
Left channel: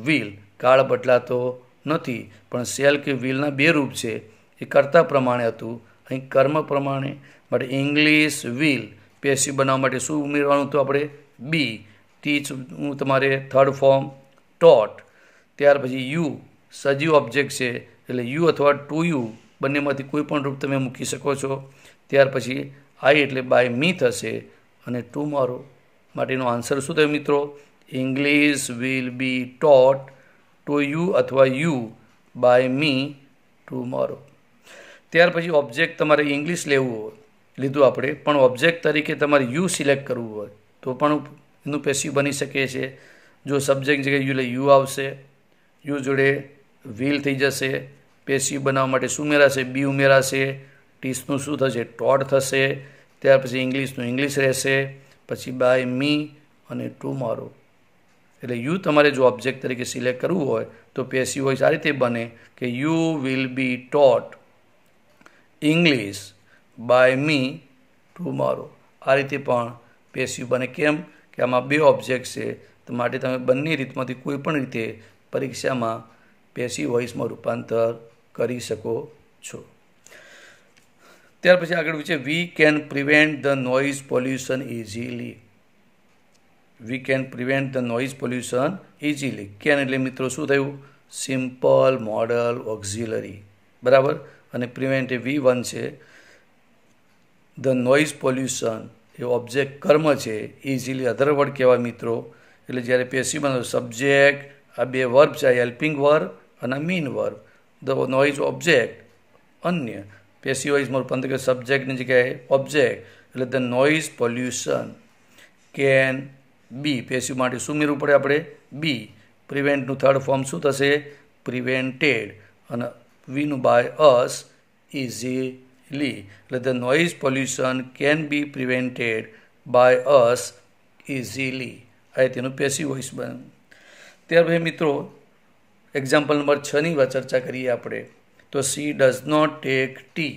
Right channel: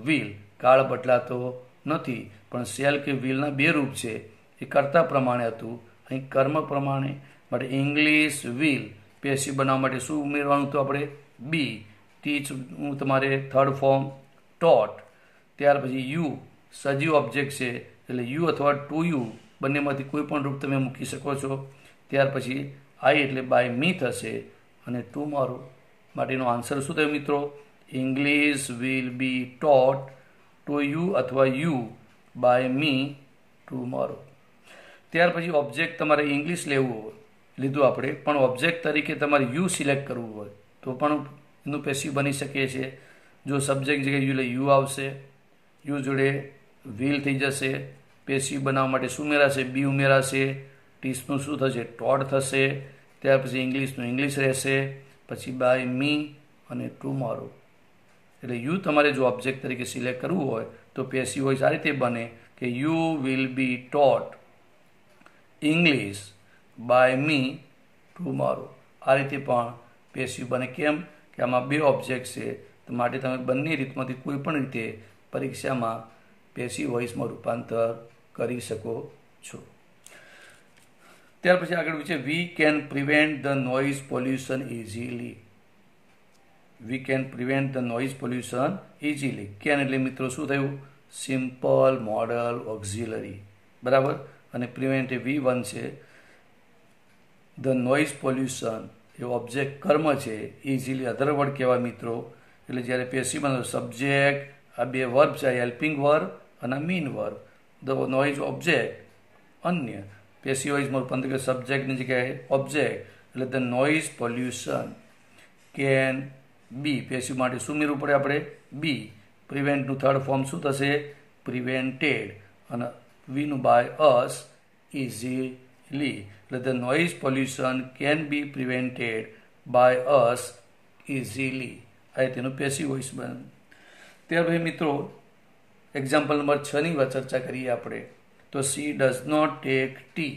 વિલ. કાળ બદલાતો નથી, પણ સેલ કે વિલના બે રૂપ છે. એ કર્તા પ્રમાણે હતું, અહીં કર્મ પ્રમાણે. માટે ઇંગ્લિશ વિલ પેસિવ બનાવવા માટે શું ઉમેરવાનું હતું આપણે, બી. ટીચનું તમારે થર્ડ ફોર્મ ટોટ. ત્યાર પછી યુ સજીવ ઓબ્જેક્ટ છે, એટલે યુ અથવા ટુ યુ બંનેમાંથી કોઈ પણ રૂપ તમે મૂકી શકો છો. ત્યાર પછી આઈ એટલે બાય મી થશે, અને ટુમોરો માટેનો આન્સર શું થયો મિત્રો, English will be taught to you અથવા યુ બાય મી ટુમોરો. ત્યાર પછી ઓબ્જેક્ટ તમારે ઇંગ્લિશ લેવું હોય, લીધું આપણે, પણ ઓબ્જેક્ટ તરીકે તમારે યુ સિલેક્ટ કરવું હોય તો પણ એનું પેસિવ બની શકે છે. જો સબ્જેક્ટ જગ્યાએ યુ એટલે યુ આવશે, યુ જોડે વિલ થઈ જશે. પેસિવ બનાવવા માટે શું ઉમેરાશે, બી ઉમેરાશે. ટીચનું શું થશે, ટોટ થશે. ત્યાર પછી ઇંગ્લિશનું ઇંગ્લિશ રહેશે, પછી બાય મી અને ટુમોરો. એટલે યુ તમારે જો ઓબ્જેક્ટ તરીકે સિલેક્ટ કરવું હોય તો પેસિવ વોઇસ આ રીતે બને કે you will be taught English by me tomorrow. આ રીતે પણ પેસિવ બને. કેમ કે આમાં બે ઓબ્જેક્ટ છે, તો માટે તમે બંને રીતમાંથી કોઈ પણ રીતે પરીક્ષામાં પેસિવ વોઇસમાં રૂપાંતર કરી શકો છો. ત્યાર પછી આગળ છે we can prevent the noise pollution easily. We can prevent the noise pollution easily. Can એટલે મિત્રો શું થયું, સિમ્પલ મોડલ ઓક્ઝિલરી, બરાબર. અને પ્રિવેન્ટ એ V1 છે. The noise pollution A object કર્મ છે, ઇઝીલી અધર વર્ડ કહેવાય મિત્રો. એટલે જ્યારે પેસિવ બનો સબ્જેક્ટ, આ બે વર્બ છે, હેલ્પિંગ વર્બ અને mean verb. The noise object અન્ય. પેસિવ વોઇસમાં રૂપાંતર કે સબ્જેક્ટની જગ્યાએ ઓબ્જેક્ટ, એટલે the noise pollution can B. Passive માટે શું ઉમેરવું પડે આપણે, બી. પ્રિવેન્ટનું થર્ડ ફોર્મ શું થશે, પ્રિવેન્ટેડ, અને વીનું બાય અસ ઇઝીલી. એટલે the noise pollution can be prevented by us easily. આ તેનું પેસિવ વોઇસ બને. ત્યાર પછી મિત્રો એક્ઝામ્પલ નંબર 6ની ચર્ચા કરીએ આપણે. તો she does not take tea.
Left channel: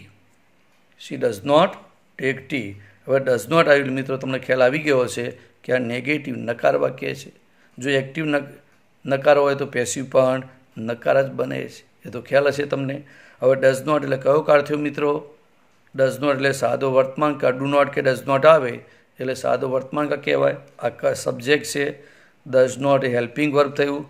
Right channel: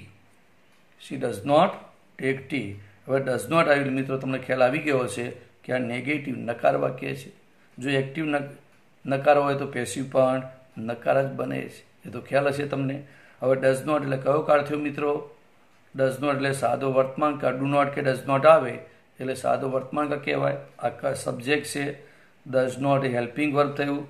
She does not take tea. હવે ડઝ નોટ આવ્યું મિત્રો તમને ખ્યાલ આવી ગયો હશે કે આ નેગેટિવ નકાર વાક્ય છે. જો એક્ટિવ નકાર હોય તો પેસિવ પણ નકાર જ બને છે, એ તો ખ્યાલ હશે તમને. હવે ડઝ નોટ એટલે કયો કાળ થયો મિત્રો? ડઝ નોટ એટલે સાદો વર્તમાન કાળ. ડુ નોટ કે ડઝ નોટ આવે એટલે સાદો વર્તમાન કાળ કહેવાય. આ સબ્જેક્ટ છે. ડઝ નોટ એ હેલ્પિંગ વર્બ થયું,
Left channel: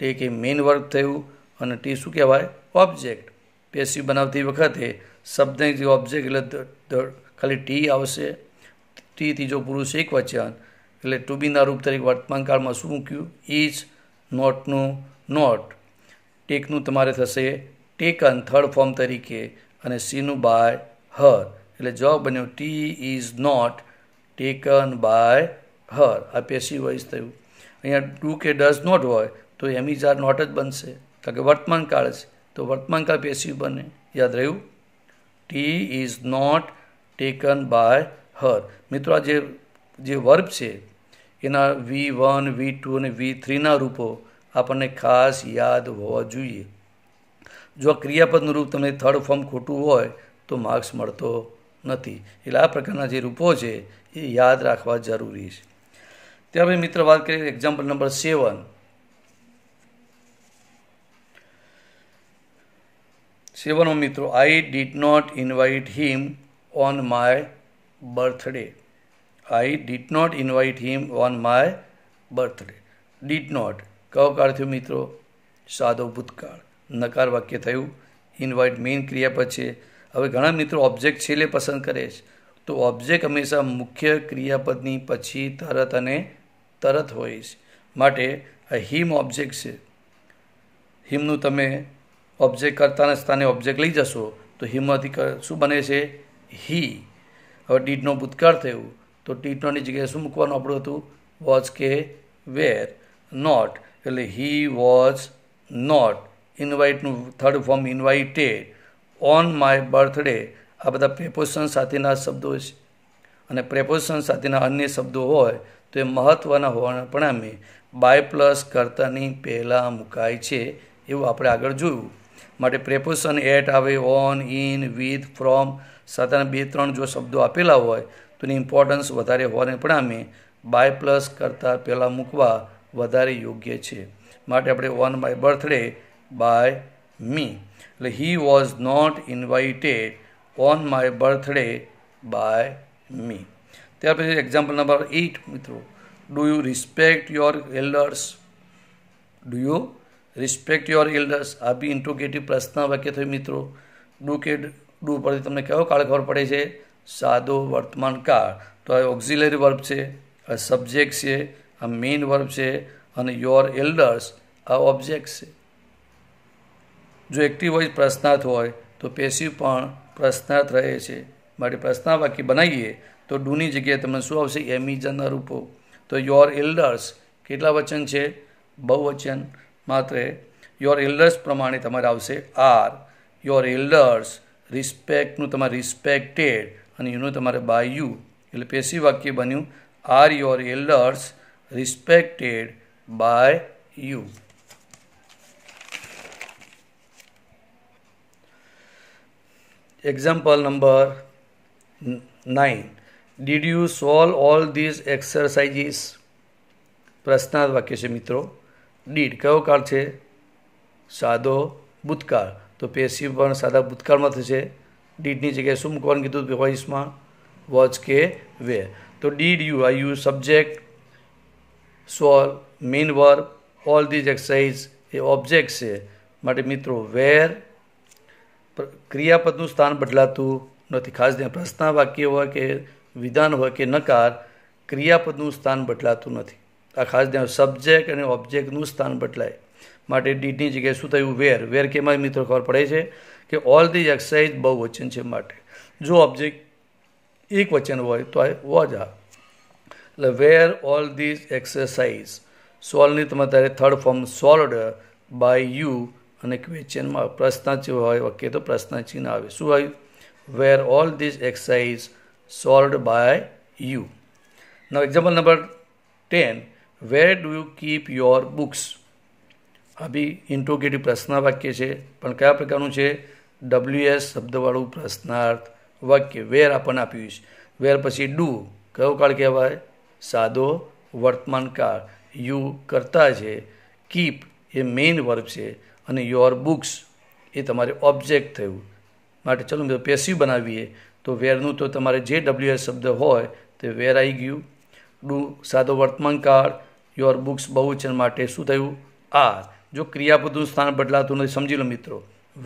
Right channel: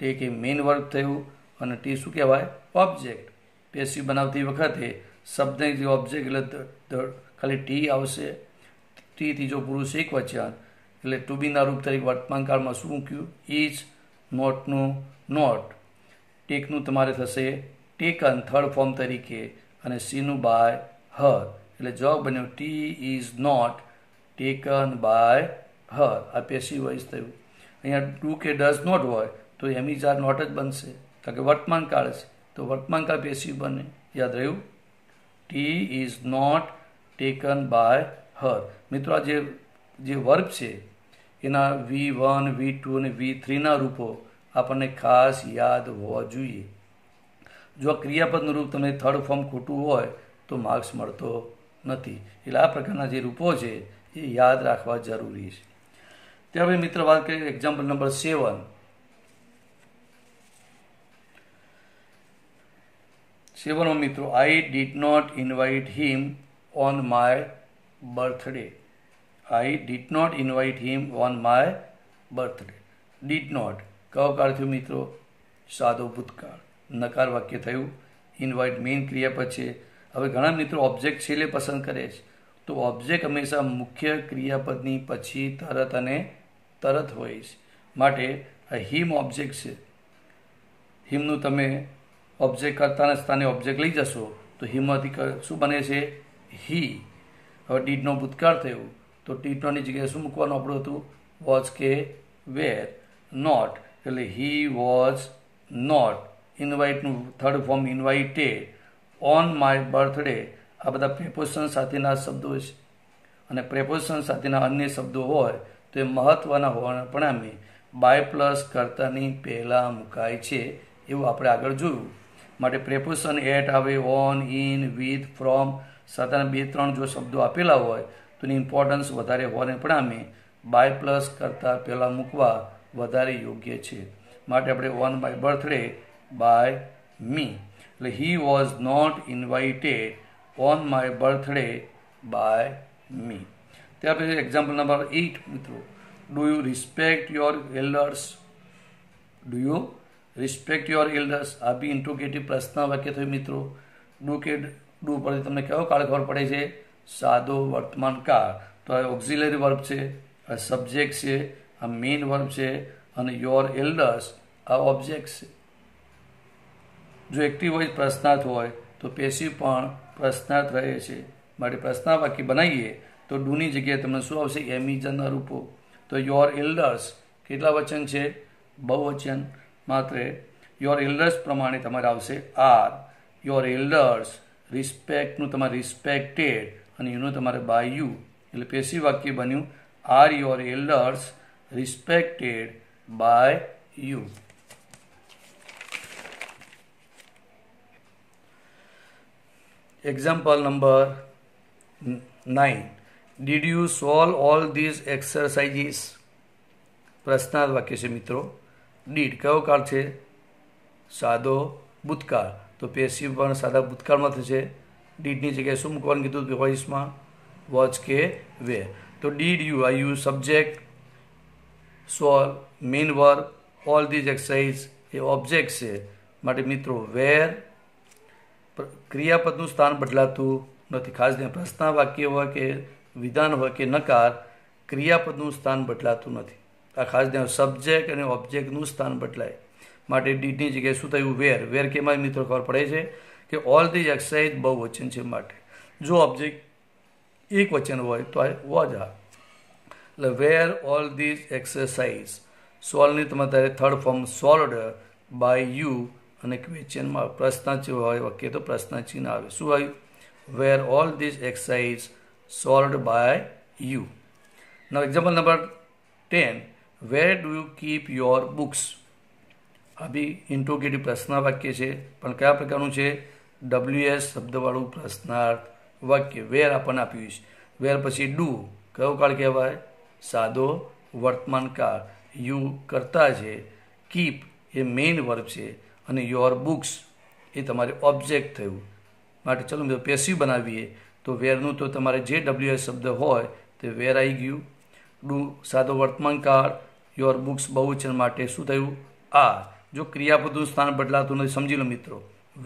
ટેક એ મેઇન વર્બ થયું, અને ટી શું કહેવાય? ઓબ્જેક્ટ. પેસિવ બનાવતી વખતે શબ્દની જે ઓબ્જેક્ટ એટલે ખાલી ટી આવશે. ટી ત્રીજો પુરુષ એક વચન એટલે ટુ બીના રૂપ તરીકે વર્તમાન કાળમાં શું મૂક્યું? ઇઝ. નોટનું નોટ. ટેકનું તમારે થશે ટેકન થર્ડ ફોર્મ તરીકે, અને સીનું બાય હર. એટલે જવાબ બન્યો tea is not taken by her. આ પેસિવ વોઇસ થયું. અહીંયા ડુ કે ડઝ નોટ હોય તો એમ ઇઝ આર નોટ જ બનશે, કારણ કે વર્તમાન કાળ છે, તો વર્તમાન કાળ પેસિવ બને. યાદ રહ્યું? Tea is not taken by her. મિત્રો આ જે વર્બ છે એના V1, V2 અને V3ના રૂપો આપણને ખાસ યાદ હોવા જોઈએ. જો આ ક્રિયાપદનું રૂપ તમને થર્ડ ફોર્મ ખોટું હોય તો માર્ક્સ મળતો નથી. એટલે આ પ્રકારના જે રૂપો છે એ યાદ રાખવા જરૂરી છે. ત્યાર પછી મિત્ર વાત કરીએ એક્ઝામ્પલ નંબર 7. 7 મિત્રો, I did not invite him on my birthday. I did not invite him on my birthday. Did not કયો કાળ થયું મિત્રો? સાદો ભૂતકાળ. નકાર વાક્ય થયું. ઇન્વાઇટ મેઇન ક્રિયાપદ છે. હવે ઘણા મિત્રો ઓબ્જેક્ટ છેલ્લે પસંદ કરે છે, તો ઓબ્જેક્ટ હંમેશા મુખ્ય ક્રિયાપદની પછી તરત અને તરત હોય છે. માટે આ હિમ ઓબ્જેક્ટ છે. હિમનું તમે ઓબ્જેક્ટ કરતાના સ્થાને ઓબ્જેક્ટ લઈ જશો તો હિમમાંથી શું બને છે? હી. હવે ડીડનો ભૂતકાળ થયું તો ડીડ નોટની જગ્યાએ શું મૂકવાનું આપણું હતું? વોઝ કે વેર. નોટ એટલે હી વોઝ નોટ. ઇન્વાઇટનું third form invited. On my birthday. આ બધા પ્રેપોઝિશન સાથેના શબ્દો છે, અને પ્રેપોઝિશન સાથેના અન્ય શબ્દો હોય તો એ મહત્ત્વના હોવાના પરિણામે બાય પ્લસ કર્તાની પહેલાં મુકાય છે, એવું આપણે આગળ જોયું. માટે પ્રેપોઝિશન એટ આવે, ઓન, ઇન, વિથ, ફ્રોમ સાથેના 2-3 જો શબ્દો આપેલા હોય તો એની ઇમ્પોર્ટન્સ વધારે હોવાને પરિણામે બાય પ્લસ કરતાં પહેલાં મૂકવા વધારે યોગ્ય છે. માટે આપણે on my birthday by me. એટલે he was not invited on my birthday by me. ત્યાર પછી એક્ઝામ્પલ નંબર 8 મિત્રો, do you respect your elders? Do you respect your elders? આ બી ઇન્ટ્રોગેટિવ પ્રશ્ન વાક્ય થયું મિત્રો. ડુ કે ડુ પરથી તમને કયો કાળ ખબર પડે છે? સાદો વર્તમાન કાળ. તો આ ઓક્ઝિલરી વર્બ છે, આ સબ્જેક્ટ છે, આ મેઇન વર્બ છે, અને યોર એલ્ડર્સ આ ઓબ્જેક્ટ છે. જો એક્ટિવ વોઇસ પ્રશ્નાર્થ હોય તો પેસિવ પણ પ્રશ્નાર્થ રહે છે. માટે પ્રશ્નાર્થ વાક્ય બનાવીએ તો ડુની જગ્યાએ તમને શું આવશે? એમિઝનના રૂપો. તો યોર એલ્ડર્સ કેટલા વચન છે? બહુવચન. માત્ર યોર એલ્ડર્સ પ્રમાણે તમારે આવશે આર. Your elders. રિસ્પેક્ટનું તમારે રિસ્પેક્ટેડ, અને યુનું તમારે બાય યુ. એટલે પેસિવ વાક્ય બન્યું are your elders respected by you. Example number 9. Did you solve all these exercises? પ્રશ્નાર્થ વાક્ય છે મિત્રો. ડીડ કયો કાળ છે? સાદો ભૂતકાળ. તો પેસિવ પણ સાદા ભૂતકાળમાં થશે. ડીડની જગ્યાએ શું મૂકવાનું કીધું વોઇસમાં? વોઝ કે વેર. તો ડીડ યુ આ you subject, solve main verb, all these exercise A object છે. માટે મિત્રો વેર ક્રિયાપદનું સ્થાન બદલાતું નથી. ખાસ ધ્યાન, પ્રશ્ન વાક્ય હોય કે વિધાન હોય કે નકાર, ક્રિયાપદનું સ્થાન બદલાતું નથી. આ ખાસ ધ્યાન. સબ્જેક્ટ અને ઓબ્જેક્ટનું સ્થાન બદલાય. માટે ડીડની જગ્યાએ શું થયું? વેર. વેર કેમાં મિત્રો ખબર પડે છે કે ઓલ ધીઝ એક્સરસાઇઝ બહુવચન છે. માટે જો ઓબ્જેક્ટ એક વચન હોય તો આ વોઝ આ. એટલે વેર ઓલ ધીઝ એક્સરસાઇઝ. સોલ્વની તમારે third form solved by you, અને ક્વેશ્ચનમાં પ્રશ્ન હોય વાક્ય તો પ્રશ્ન ચિહ્ન આવે. શું આવ્યું? Were all these exercise solved by you. Now example number 10. Where do you keep your books? આ બી ઇન્ટ્રોગેટિવ પ્રશ્ન વાક્ય છે, પણ કયા પ્રકારનું છે? WS શબ્દવાળું પ્રશ્નાર્થ વાક્ય. વેર આપણને આપ્યું છે. વેર પછી ડુ કયો કાળ કહેવાય? સાદો વર્તમાન કાળ. યુ કરતા છે, કીપ એ મેઇન વર્બ છે અને યોર બુક્સ એ તમારે ઓબ્જેક્ટ થયું. માટે ચલો મિત્રો પેસિવ બનાવીએ તો વેરનું તો તમારે જે WS શબ્દ હોય તે વેર આવી ગયું. ડુ સાદો વર્તમાન કાળ, યોર બુક્સ બહુવચન માટે શું થયું? આર. જો ક્રિયાપદનું સ્થાન બદલાતું નથી સમજી લો મિત્રો.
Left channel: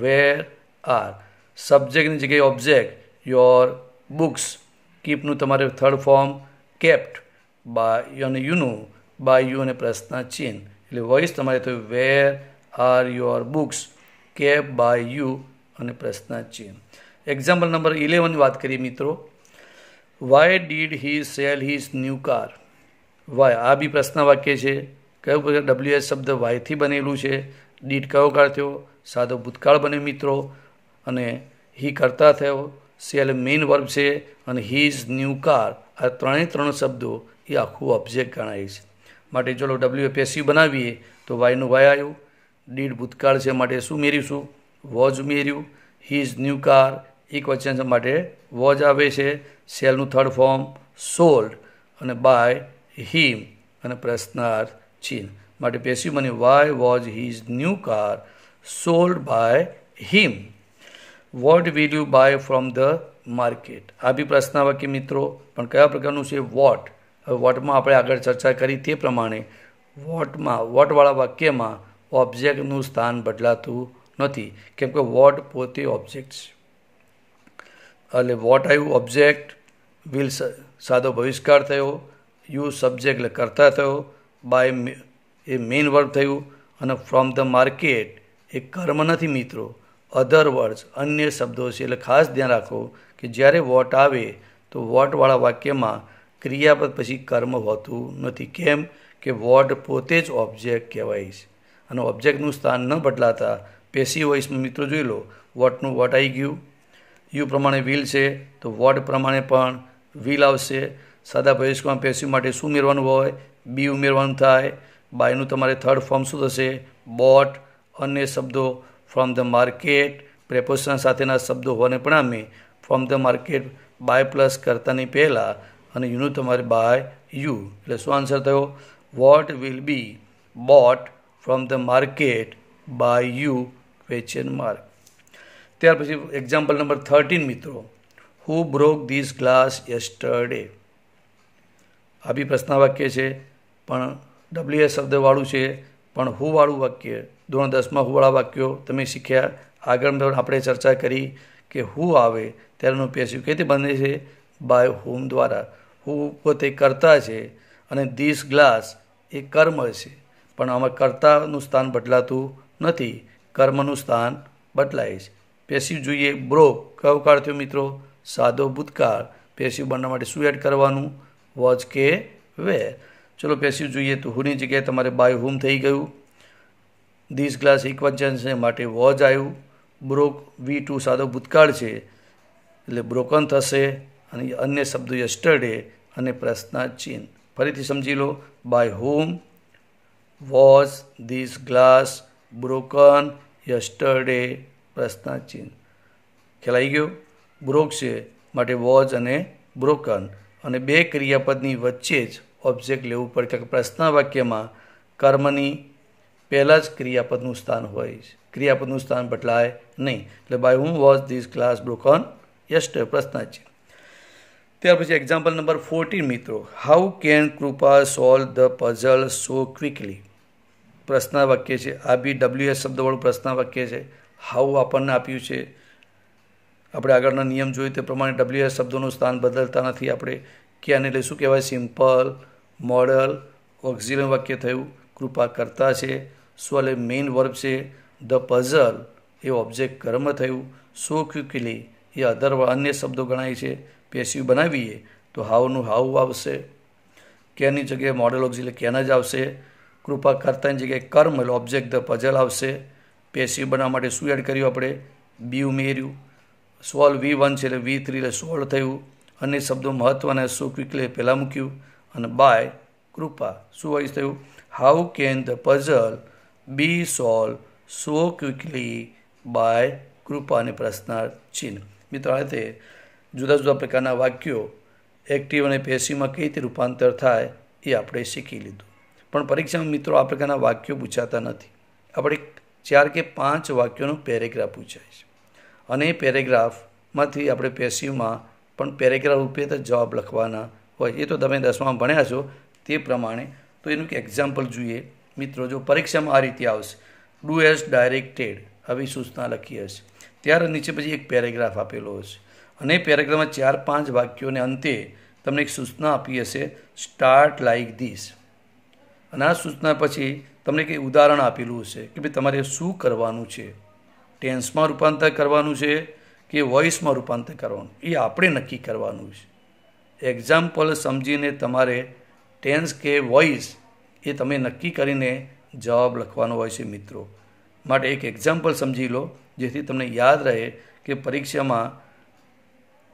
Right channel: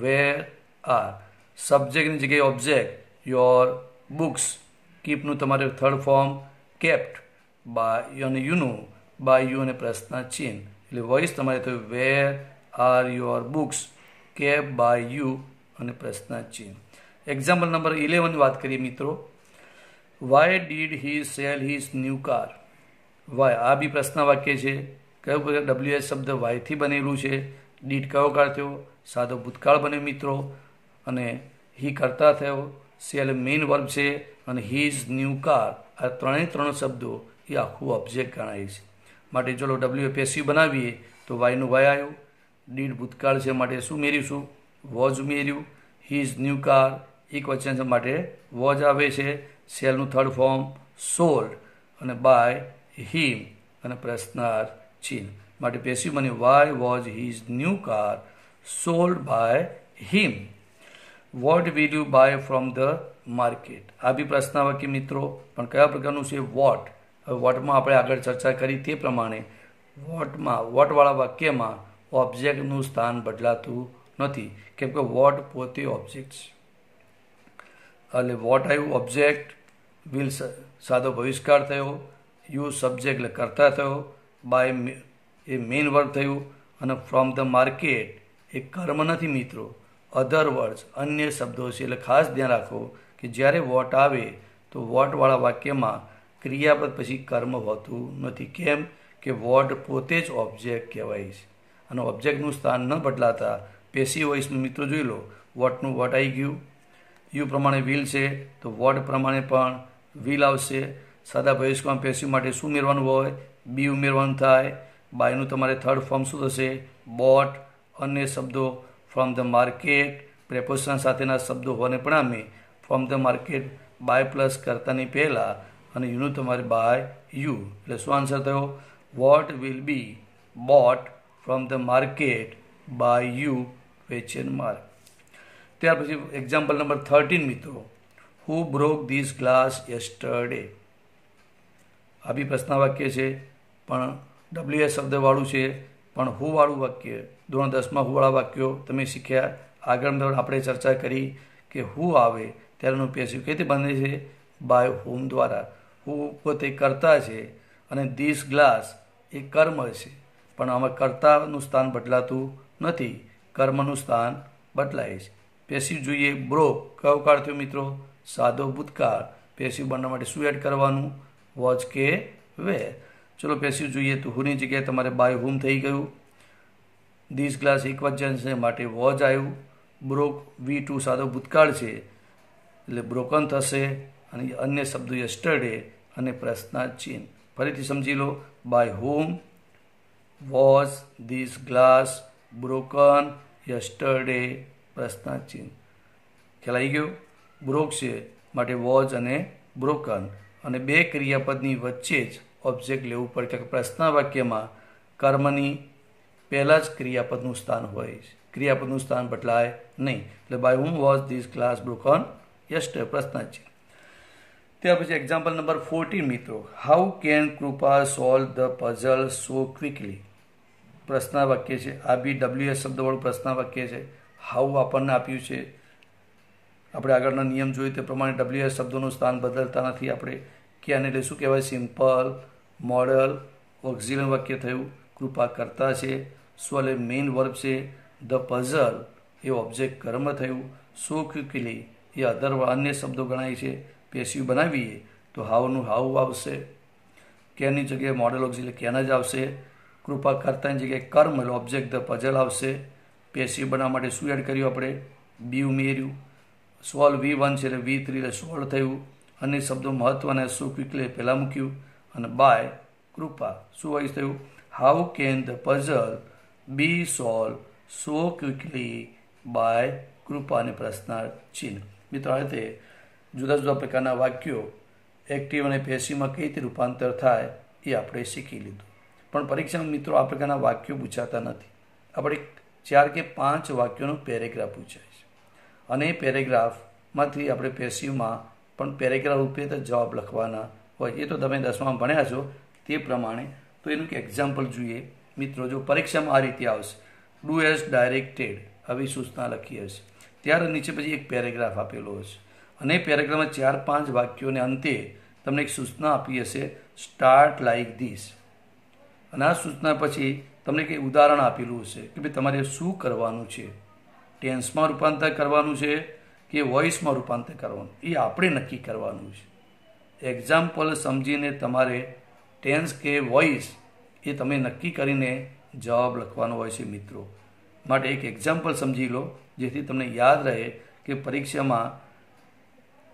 Where are. સબ્જેક્ટની જગ્યાએ ઓબ્જેક્ટ, યોર બુક્સ. કીપનું તમારે થર્ડ ફોર્મ કેપ્ટ બાય અને યુનું બાય યુ અને પ્રશ્ન ચિહ્ન. એટલે વોઇસ તમારે થયું where are your books kept by you અને પ્રશ્ન ચિહ્ન. એક્ઝામ્પલ નંબર 11 વાત કરીએ મિત્રો. Why did he sell his new car? Why આ બી પ્રશ્ન વાક્ય છે. કયું WS શબ્દ વાયથી બનેલું છે? ડીડ કયો કાળ થયો? સાદો ભૂતકાળ બન્યો મિત્રો. અને હી કરતા થયો. સેલ મેઇન વર્બ છે અને હીઝ ન્યૂ કાર આ ત્રણ શબ્દો એ આખું ઓબ્જેક્ટ ગણાય છે. માટે ચલો W પેસિવ બનાવીએ તો વાયનું વાય આવ્યું. ડીડ ભૂતકાળ છે માટે શું ઉમેરીશું? વોઝ ઉમેર્યું. હીઝ ન્યૂ કાર એક વચન છે માટે વોઝ આવે છે. સેલનું થર્ડ ફોર્મ સોલ્ડ અને બાય હિમ અને પ્રશ્નાર્થ ચિહ્ન. માટે પેસિવ બને why was his new car sold by him. What will you buy from the market? આ બી પ્રશ્ન વાક્ય મિત્રો, પણ કયા પ્રકારનું છે? વોટ. હવે વોટમાં આપણે આગળ ચર્ચા કરી તે પ્રમાણે વોટવાળા વાક્યમાં ઓબ્જેક્ટનું સ્થાન બદલાતું નથી, કેમ કે વોટ પોતે ઓબ્જેક્ટ છે. એટલે વોટ આવ્યું ઓબ્જેક્ટ, વિલ સાદો ભવિષ્યકાળ થયો, યુ સબ્જેક્ટ એટલે કરતા થયો, બાય એ મેઇન વર્બ થયું અને ફ્રોમ ધ માર્કેટ એ કર્મ નથી મિત્રો, અધર વર્ડ્સ અન્ય શબ્દો છે. એટલે ખાસ ધ્યાન રાખો કે જ્યારે વોટ આવે તો વોટવાળા વાક્યમાં ક્રિયાપદ પછી કર્મ હોતું નથી. કેમ કે વોટ પોતે જ ઓબ્જેક્ટ કહેવાય છે અને ઓબ્જેક્ટનું સ્થાન ન બદલાતા પેસિવ વોઇસમાં મિત્રો જોઈ લો. વોટનું વોટ આવી ગયું. યુ પ્રમાણે વિલ છે તો વોટ પ્રમાણે પણ વિલ આવશે. સાદા ભવિષ્યમાં પેસિવ માટે શું ઉમેરવાનું હોય? બી ઉમેરવાનું થાય. બાયનું તમારે થર્ડ ફોર્મ શું થશે? બોટ. અન્ય શબ્દો ફ્રોમ ધ માર્કેટ પ્રેપોઝિશન સાથેના શબ્દો હોવાને પરિણામે from the market by plus કરતાની પહેલાં અને યુનું તમારે બાય યુ. એટલે શું આન્સર થયો? What will be bought from the market by you question mark. ત્યાર પછી એક્ઝામ્પલ નંબર 13 મિત્રો. Who broke this glass yesterday? આ બી પ્રશ્ન વાક્ય છે પણ WS શબ્દવાળું છે, પણ હું વાળું વાક્ય. ધોરણ 10માં હું વાળા વાક્યો તમે શીખ્યા. આગળ આપણે ચર્ચા કરી કે હું આવે ત્યારેનું પેસિવ કઈ રીતે બને છે? બાય હોમ દ્વારા. હું પોતે કરતા છે અને ધીસ ગ્લાસ એ કર્મ છે, પણ આમાં કર્તાનું સ્થાન બદલાતું નથી, કર્મનું સ્થાન બદલાય છે. પેસિવ જોઈએ. બ્રોક કયો કાળ થયો મિત્રો? સાદો ભૂતકાળ. પેસિવ બનવા માટે શું એડ કરવાનું? વોઝ કે વેર. ચલો પેસિવ જોઈએ તો હુની જગ્યાએ તમારે બાય હોમ થઈ ગયું. ધીસ ગ્લાસ એક વચન છે માટે વોઝ આવ્યું. બ્રોક V2 સાદો ભૂતકાળ છે એટલે બ્રોકન થશે અને અન્ય શબ્દો યસ્ટરડે અને પ્રશ્નાર્થ ચિહ્ન. ફરીથી સમજી લો. By home, was, this glass, broken, yesterday, પ્રશ્નાર્થ ચિહ્ન. ખ્યાલ આવી ગયો? બ્રોક છે માટે વોઝ અને બ્રોકન અને બે ક્રિયાપદની વચ્ચે જ ઓબ્જેક્ટ લેવું પડે, કે પ્રશ્ન વાક્યમાં કર્મની પહેલાં જ ક્રિયાપદનું સ્થાન હોય છે, ક્રિયાપદનું સ્થાન બદલાય નહીં. એટલે by whom was this glass broken yesterday પ્રશ્નાર્થ ચિહ્ન. ત્યાર પછી એક્ઝામ્પલ નંબર 14 મિત્રો. How can Krupa solve the puzzle so quickly? પ્રશ્ન વાક્ય છે. આ બી WS શબ્દવાળું પ્રશ્ન વાક્ય છે. હાઉ આપણને આપ્યું છે. આપણે આગળના નિયમ જોયું તે પ્રમાણે WS શબ્દોનું સ્થાન બદલતા નથી આપણે. કે આને એટલે શું કહેવાય? સિમ્પલ, મોડલ, ઓક્ઝિલરી વાક્ય થયું. કૃપા કરતા છે. સોલ્વ એ મેઇન વર્બ છે. ધ પઝલ એ ઓબ્જેક્ટ કર્મ થયું. સો ક્વિકલી એ અધર અન્ય શબ્દો ગણાય છે. પેસિવ બનાવીએ તો હાઉનું હાઉ આવશે. કેની જગ્યાએ મોડલ ઓક્ઝિલરી કેન જ આવશે. કૃપા કરતાની જગ્યાએ કર્મ એટલે ઓબ્જેક્ટ ધ પઝલ આવશે. પેસિવ બનાવવા માટે શું એડ કર્યું આપણે? બી ઉમેર્યું. સોલ્વ V1 છે એટલે V3 એટલે સોલ્વ થયું. અન્ય શબ્દો મહત્વના સો ક્વિકલી પહેલાં મૂક્યું અને બાય કૃપા શું હોય થયું? How can the puzzle be solve so quickly by Kripa અને પ્રશ્નાર્થ ચિહ્ન. મિત્રો આ રીતે જુદા જુદા પ્રકારના વાક્યો એક્ટિવ અને પેસિવમાં કઈ રીતે રૂપાંતર થાય એ આપણે શીખી લીધું. પણ પરીક્ષામાં મિત્રો આ પ્રકારના વાક્યો પૂછાતા નથી. આપણે 4 કે 5 વાક્યોનો પેરેગ્રાફ પૂછાય છે અને એ પેરેગ્રાફમાંથી આપણે પેસિવમાં પણ પેરેગ્રાફ રૂપે તો જવાબ લખવાના હોય. એ તો તમે 10માં ભણ્યા છો તે પ્રમાણે. તો એનું એક એક્ઝામ્પલ જોઈએ મિત્રો. જો પરીક્ષામાં આ રીતે આવશે, ડુ એઝ ડાયરેક્ટેડ, આવી સૂચના લખી હશે, ત્યારે નીચે પછી એક પેરેગ્રાફ આપેલો હશે અને પેરેગ્રાફમાં 4-5 વાક્યોને અંતે તમને એક સૂચના આપી હશે, સ્ટાર્ટ લાઇક ધીસ. અને આ સૂચના પછી તમને કંઈ ઉદાહરણ આપેલું હશે કે ભાઈ તમારે શું કરવાનું છે, ટેન્સમાં રૂપાંતર કરવાનું છે કે વોઇસમાં રૂપાંતર કરવાનું, એ આપણે નક્કી કરવાનું છે. એક્ઝામ્પલ સમજીને તમારે ટેન્સ કે વોઇસ એ તમે નક્કી કરીને જવાબ લખવાનો હોય છે મિત્રો. માટે એક એક્ઝામ્પલ સમજી લો જેથી તમને યાદ રહે કે પરીક્ષામાં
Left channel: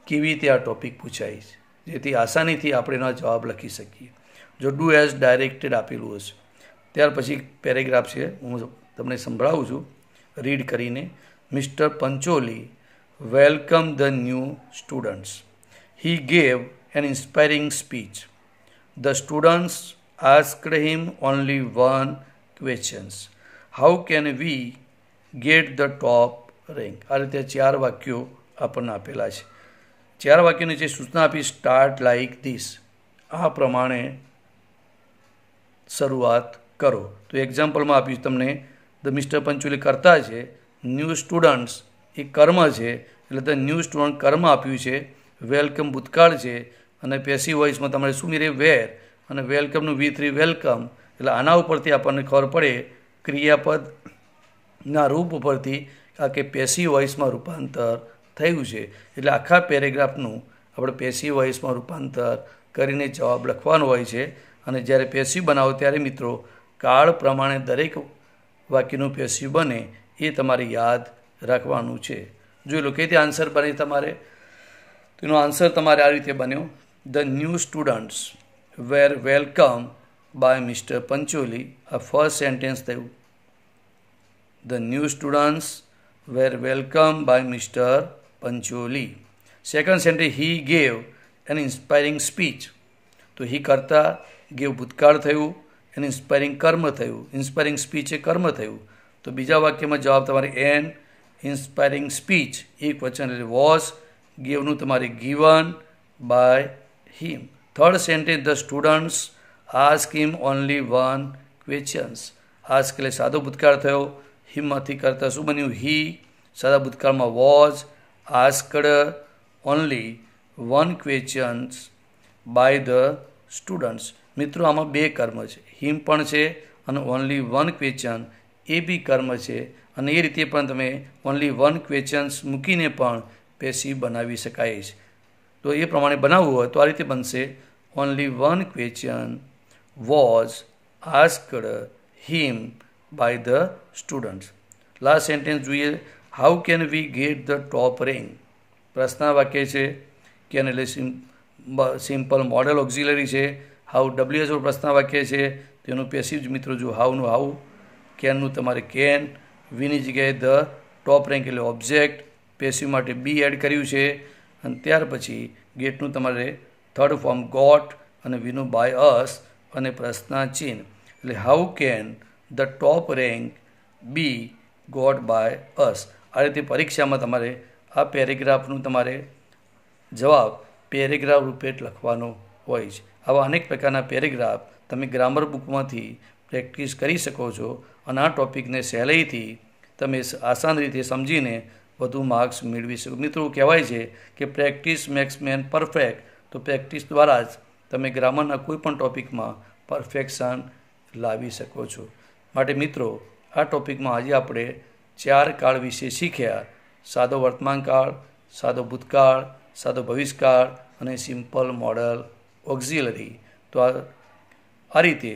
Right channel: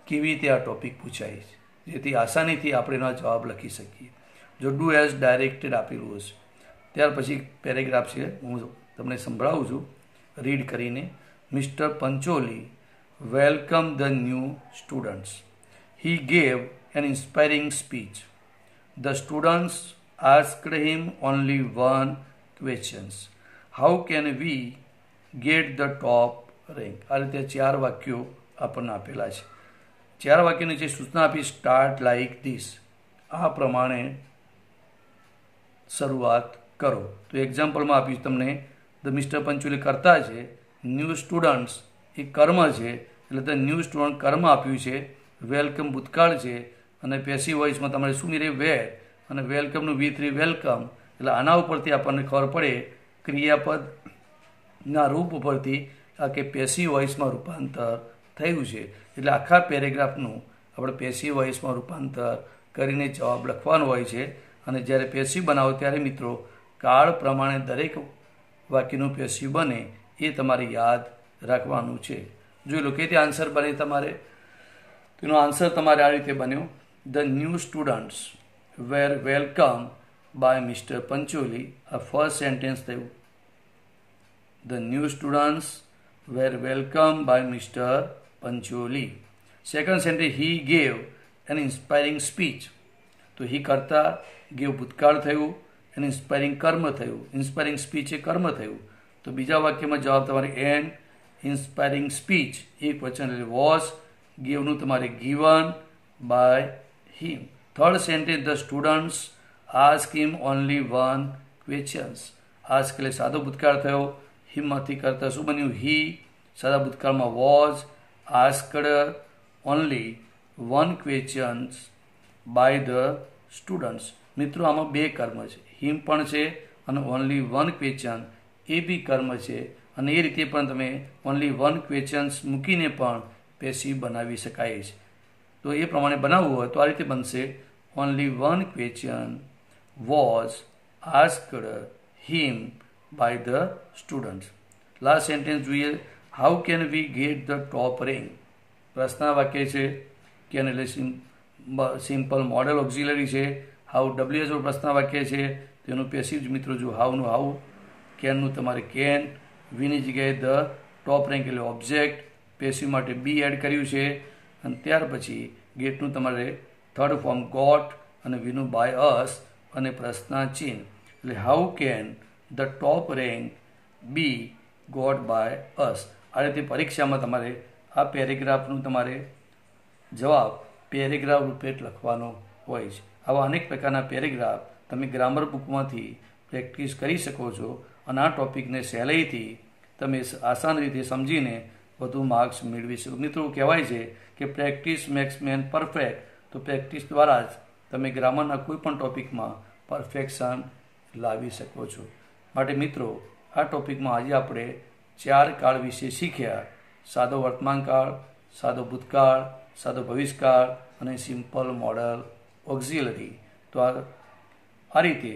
કેવી રીતે આ ટોપિક પૂછાય છે, જેથી આસાનીથી આપણે એનો જવાબ લખી શકીએ. જો ડુ એઝ ડાયરેક્ટેડ આપેલું હશે, ત્યાર પછી પેરેગ્રાફ છે, હું તમને સંભળાવું છું રીડ કરીને. Mister Pancholi welcome the new students. He gave an inspiring speech. The students asked him only one question. How can we get the top rank? આ રીતે 4 વાક્યો આપણને આપેલા છે. 4 વાક્યોની જે સૂચના આપી, સ્ટાર્ટ લાઇક ધીસ, આ પ્રમાણે શરૂઆત કરો. તો એક્ઝામ્પલમાં આપ્યું તમને, ધ મિસ્ટર પંચોલી કરતા છે, ન્યૂ સ્ટુડન્ટ્સ એ કર્મ છે એટલે ધ ન્યૂ સ્ટુડન્ટ કર્મ આપ્યું છે, વેલકમ ભૂતકાળ છે અને પેસિવ વોઇસમાં તમારે શું મેળવે, વેર, અને વેલકમનું V3 વેલકમ. એટલે આના ઉપરથી આપણને ખબર પડે ક્રિયાપદના રૂપ ઉપરથી આ કે પેસિવ વોઇસમાં રૂપાંતર થયું છે. એટલે આખા પેરેગ્રાફનું આપણે પેસિવ વોઇસમાં રૂપાંતર કરીને જવાબ લખવાનો હોય છે. અને જ્યારે પેસિવ બનાવો ત્યારે મિત્રો કાળ પ્રમાણે દરેક વાક્યનું પેસિવ બને એ તમારે યાદ રાખવાનું છે. જોઈ લો કે તે આન્સર બને તમારે. તેનો આન્સર તમારે આ રીતે બન્યો, the new students were welcomed by Mr. Pancholi. આ ફર્સ્ટ સેન્ટેન્સ થયું. The new students were welcomed by Mr. Pancholi. Second sentence, he gave an inspiring speech. તો he કરતા ગેવ ભૂતકાળ થયું, એન ઇન્સ્પાયરિંગ કર્મ થયું, ઇન્સ્પાયરિંગ સ્પીચ એ કર્મ થયું. તો બીજા વાક્યમાં જવાબ તમારે એન ઇન્સ્પાયરિંગ સ્પીચ, એક વચન એટલે વોઝ, ગેવનું તમારે given by him. Third sentence, the students ask him only one questions. Ask એટલે સાદો ભૂતકાળ થયો, હિમમાંથી કરતા શું બન્યું, હી, સાદા ભૂતકાળમાં was, asked only one questions by the students. મિત્રો આમાં 2 કર્મ છે, હિમ પણ છે અને ઓનલી વન ક્વેશ્ચન એ બી કર્મ છે. અને એ રીતે પણ તમે ઓનલી વન ક્વેશ્ચન્સ મૂકીને પણ પેસિવ બનાવી શકાય છે. તો એ પ્રમાણે બનાવવું હોય તો આ રીતે બનશે, only one question was asked him by the students. Last sentence જોઈએ, how can we get the top rank. પ્રશ્ન વાક્ય છે, કેન એટલે સિમ્પલ મોડલ ઓક્ઝિલરી છે, હાઉ WH પ્રશ્ન વાક્ય છે, તેનું પેસિવ મિત્રો જો હાઉનું હાઉ, કેનનું તમારે કેન, વીની જગ્યાએ ધ, ટોપ રેન્ક એટલે ઓબ્જેક્ટ, પેસિવ માટે બી એડ કર્યું છે. અને ત્યાર પછી ગેટનું તમારે થર્ડ ફોર્મ ગોટ અને વીનું બાય અસ અને પ્રશ્નાચિહ્ન એટલે how can the top rank be got by us. આ રીતે પરીક્ષામાં તમારે આ પેરેગ્રાફનું તમારે જવાબ પેરેગ્રાફ રૂપે લખવાનો હોય છે. આવા અનેક પ્રકારના પેરેગ્રાફ તમે ગ્રામર બુકમાંથી પ્રેક્ટિસ કરી શકો છો અને આ ટોપિકને સહેલાઈથી તમે આસાન રીતે સમજીને વધુ માર્ક્સ મેળવી શકો. મિત્રો કહેવાય છે કે પ્રેક્ટિસ મેક્સ મેન પરફેક્ટ. તો પ્રેક્ટિસ દ્વારા જ તમે ગ્રામરના કોઈ પણ ટોપિકમાં પરફેક્શન લાવી શકો છો. માટે મિત્રો આ ટોપિકમાં આજે આપણે 4 કાળ વિશે શીખ્યા, સાદો વર્તમાનકાળ, સાદો ભૂતકાળ, સાદો ભવિષ્યકાળ અને સિમ્પલ મોડલ ઓક્ઝિલરી. તો આ રીતે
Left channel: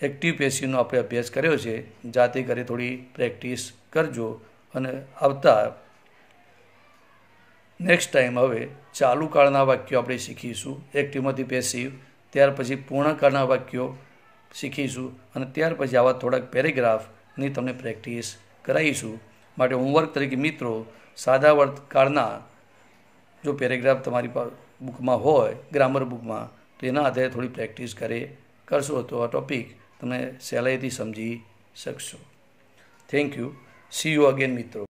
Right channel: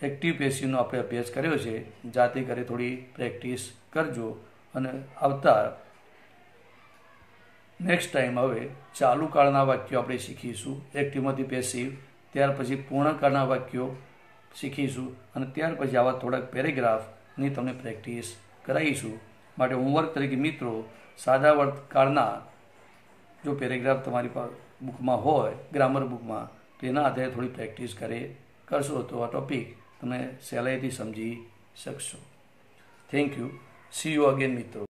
એક્ટિવ પેસિવનો આપણે અભ્યાસ કર્યો છે. જાતે ઘરે થોડી પ્રેક્ટિસ કરજો અને આવતા નેક્સ્ટ ટાઈમ હવે ચાલુ કાળના વાક્યો આપણે શીખીશું, એક્ટિવમાંથી પેસિવ. ત્યાર પછી પૂર્ણકાળના વાક્યો શીખીશું અને ત્યાર પછી આવા થોડાક પેરેગ્રાફની તમને પ્રેક્ટિસ કરાવીશું. માટે હોમવર્ક તરીકે મિત્રો સાદા વર્તકાળના જો પેરેગ્રાફ તમારી બુકમાં હોય ગ્રામર બુકમાં તો એના આધારે થોડી પ્રેક્ટિસ કરશો તો આ ટોપિક તમે સહેલાઈથી સમજી શકશો. Thank you. C you again મિત્રો.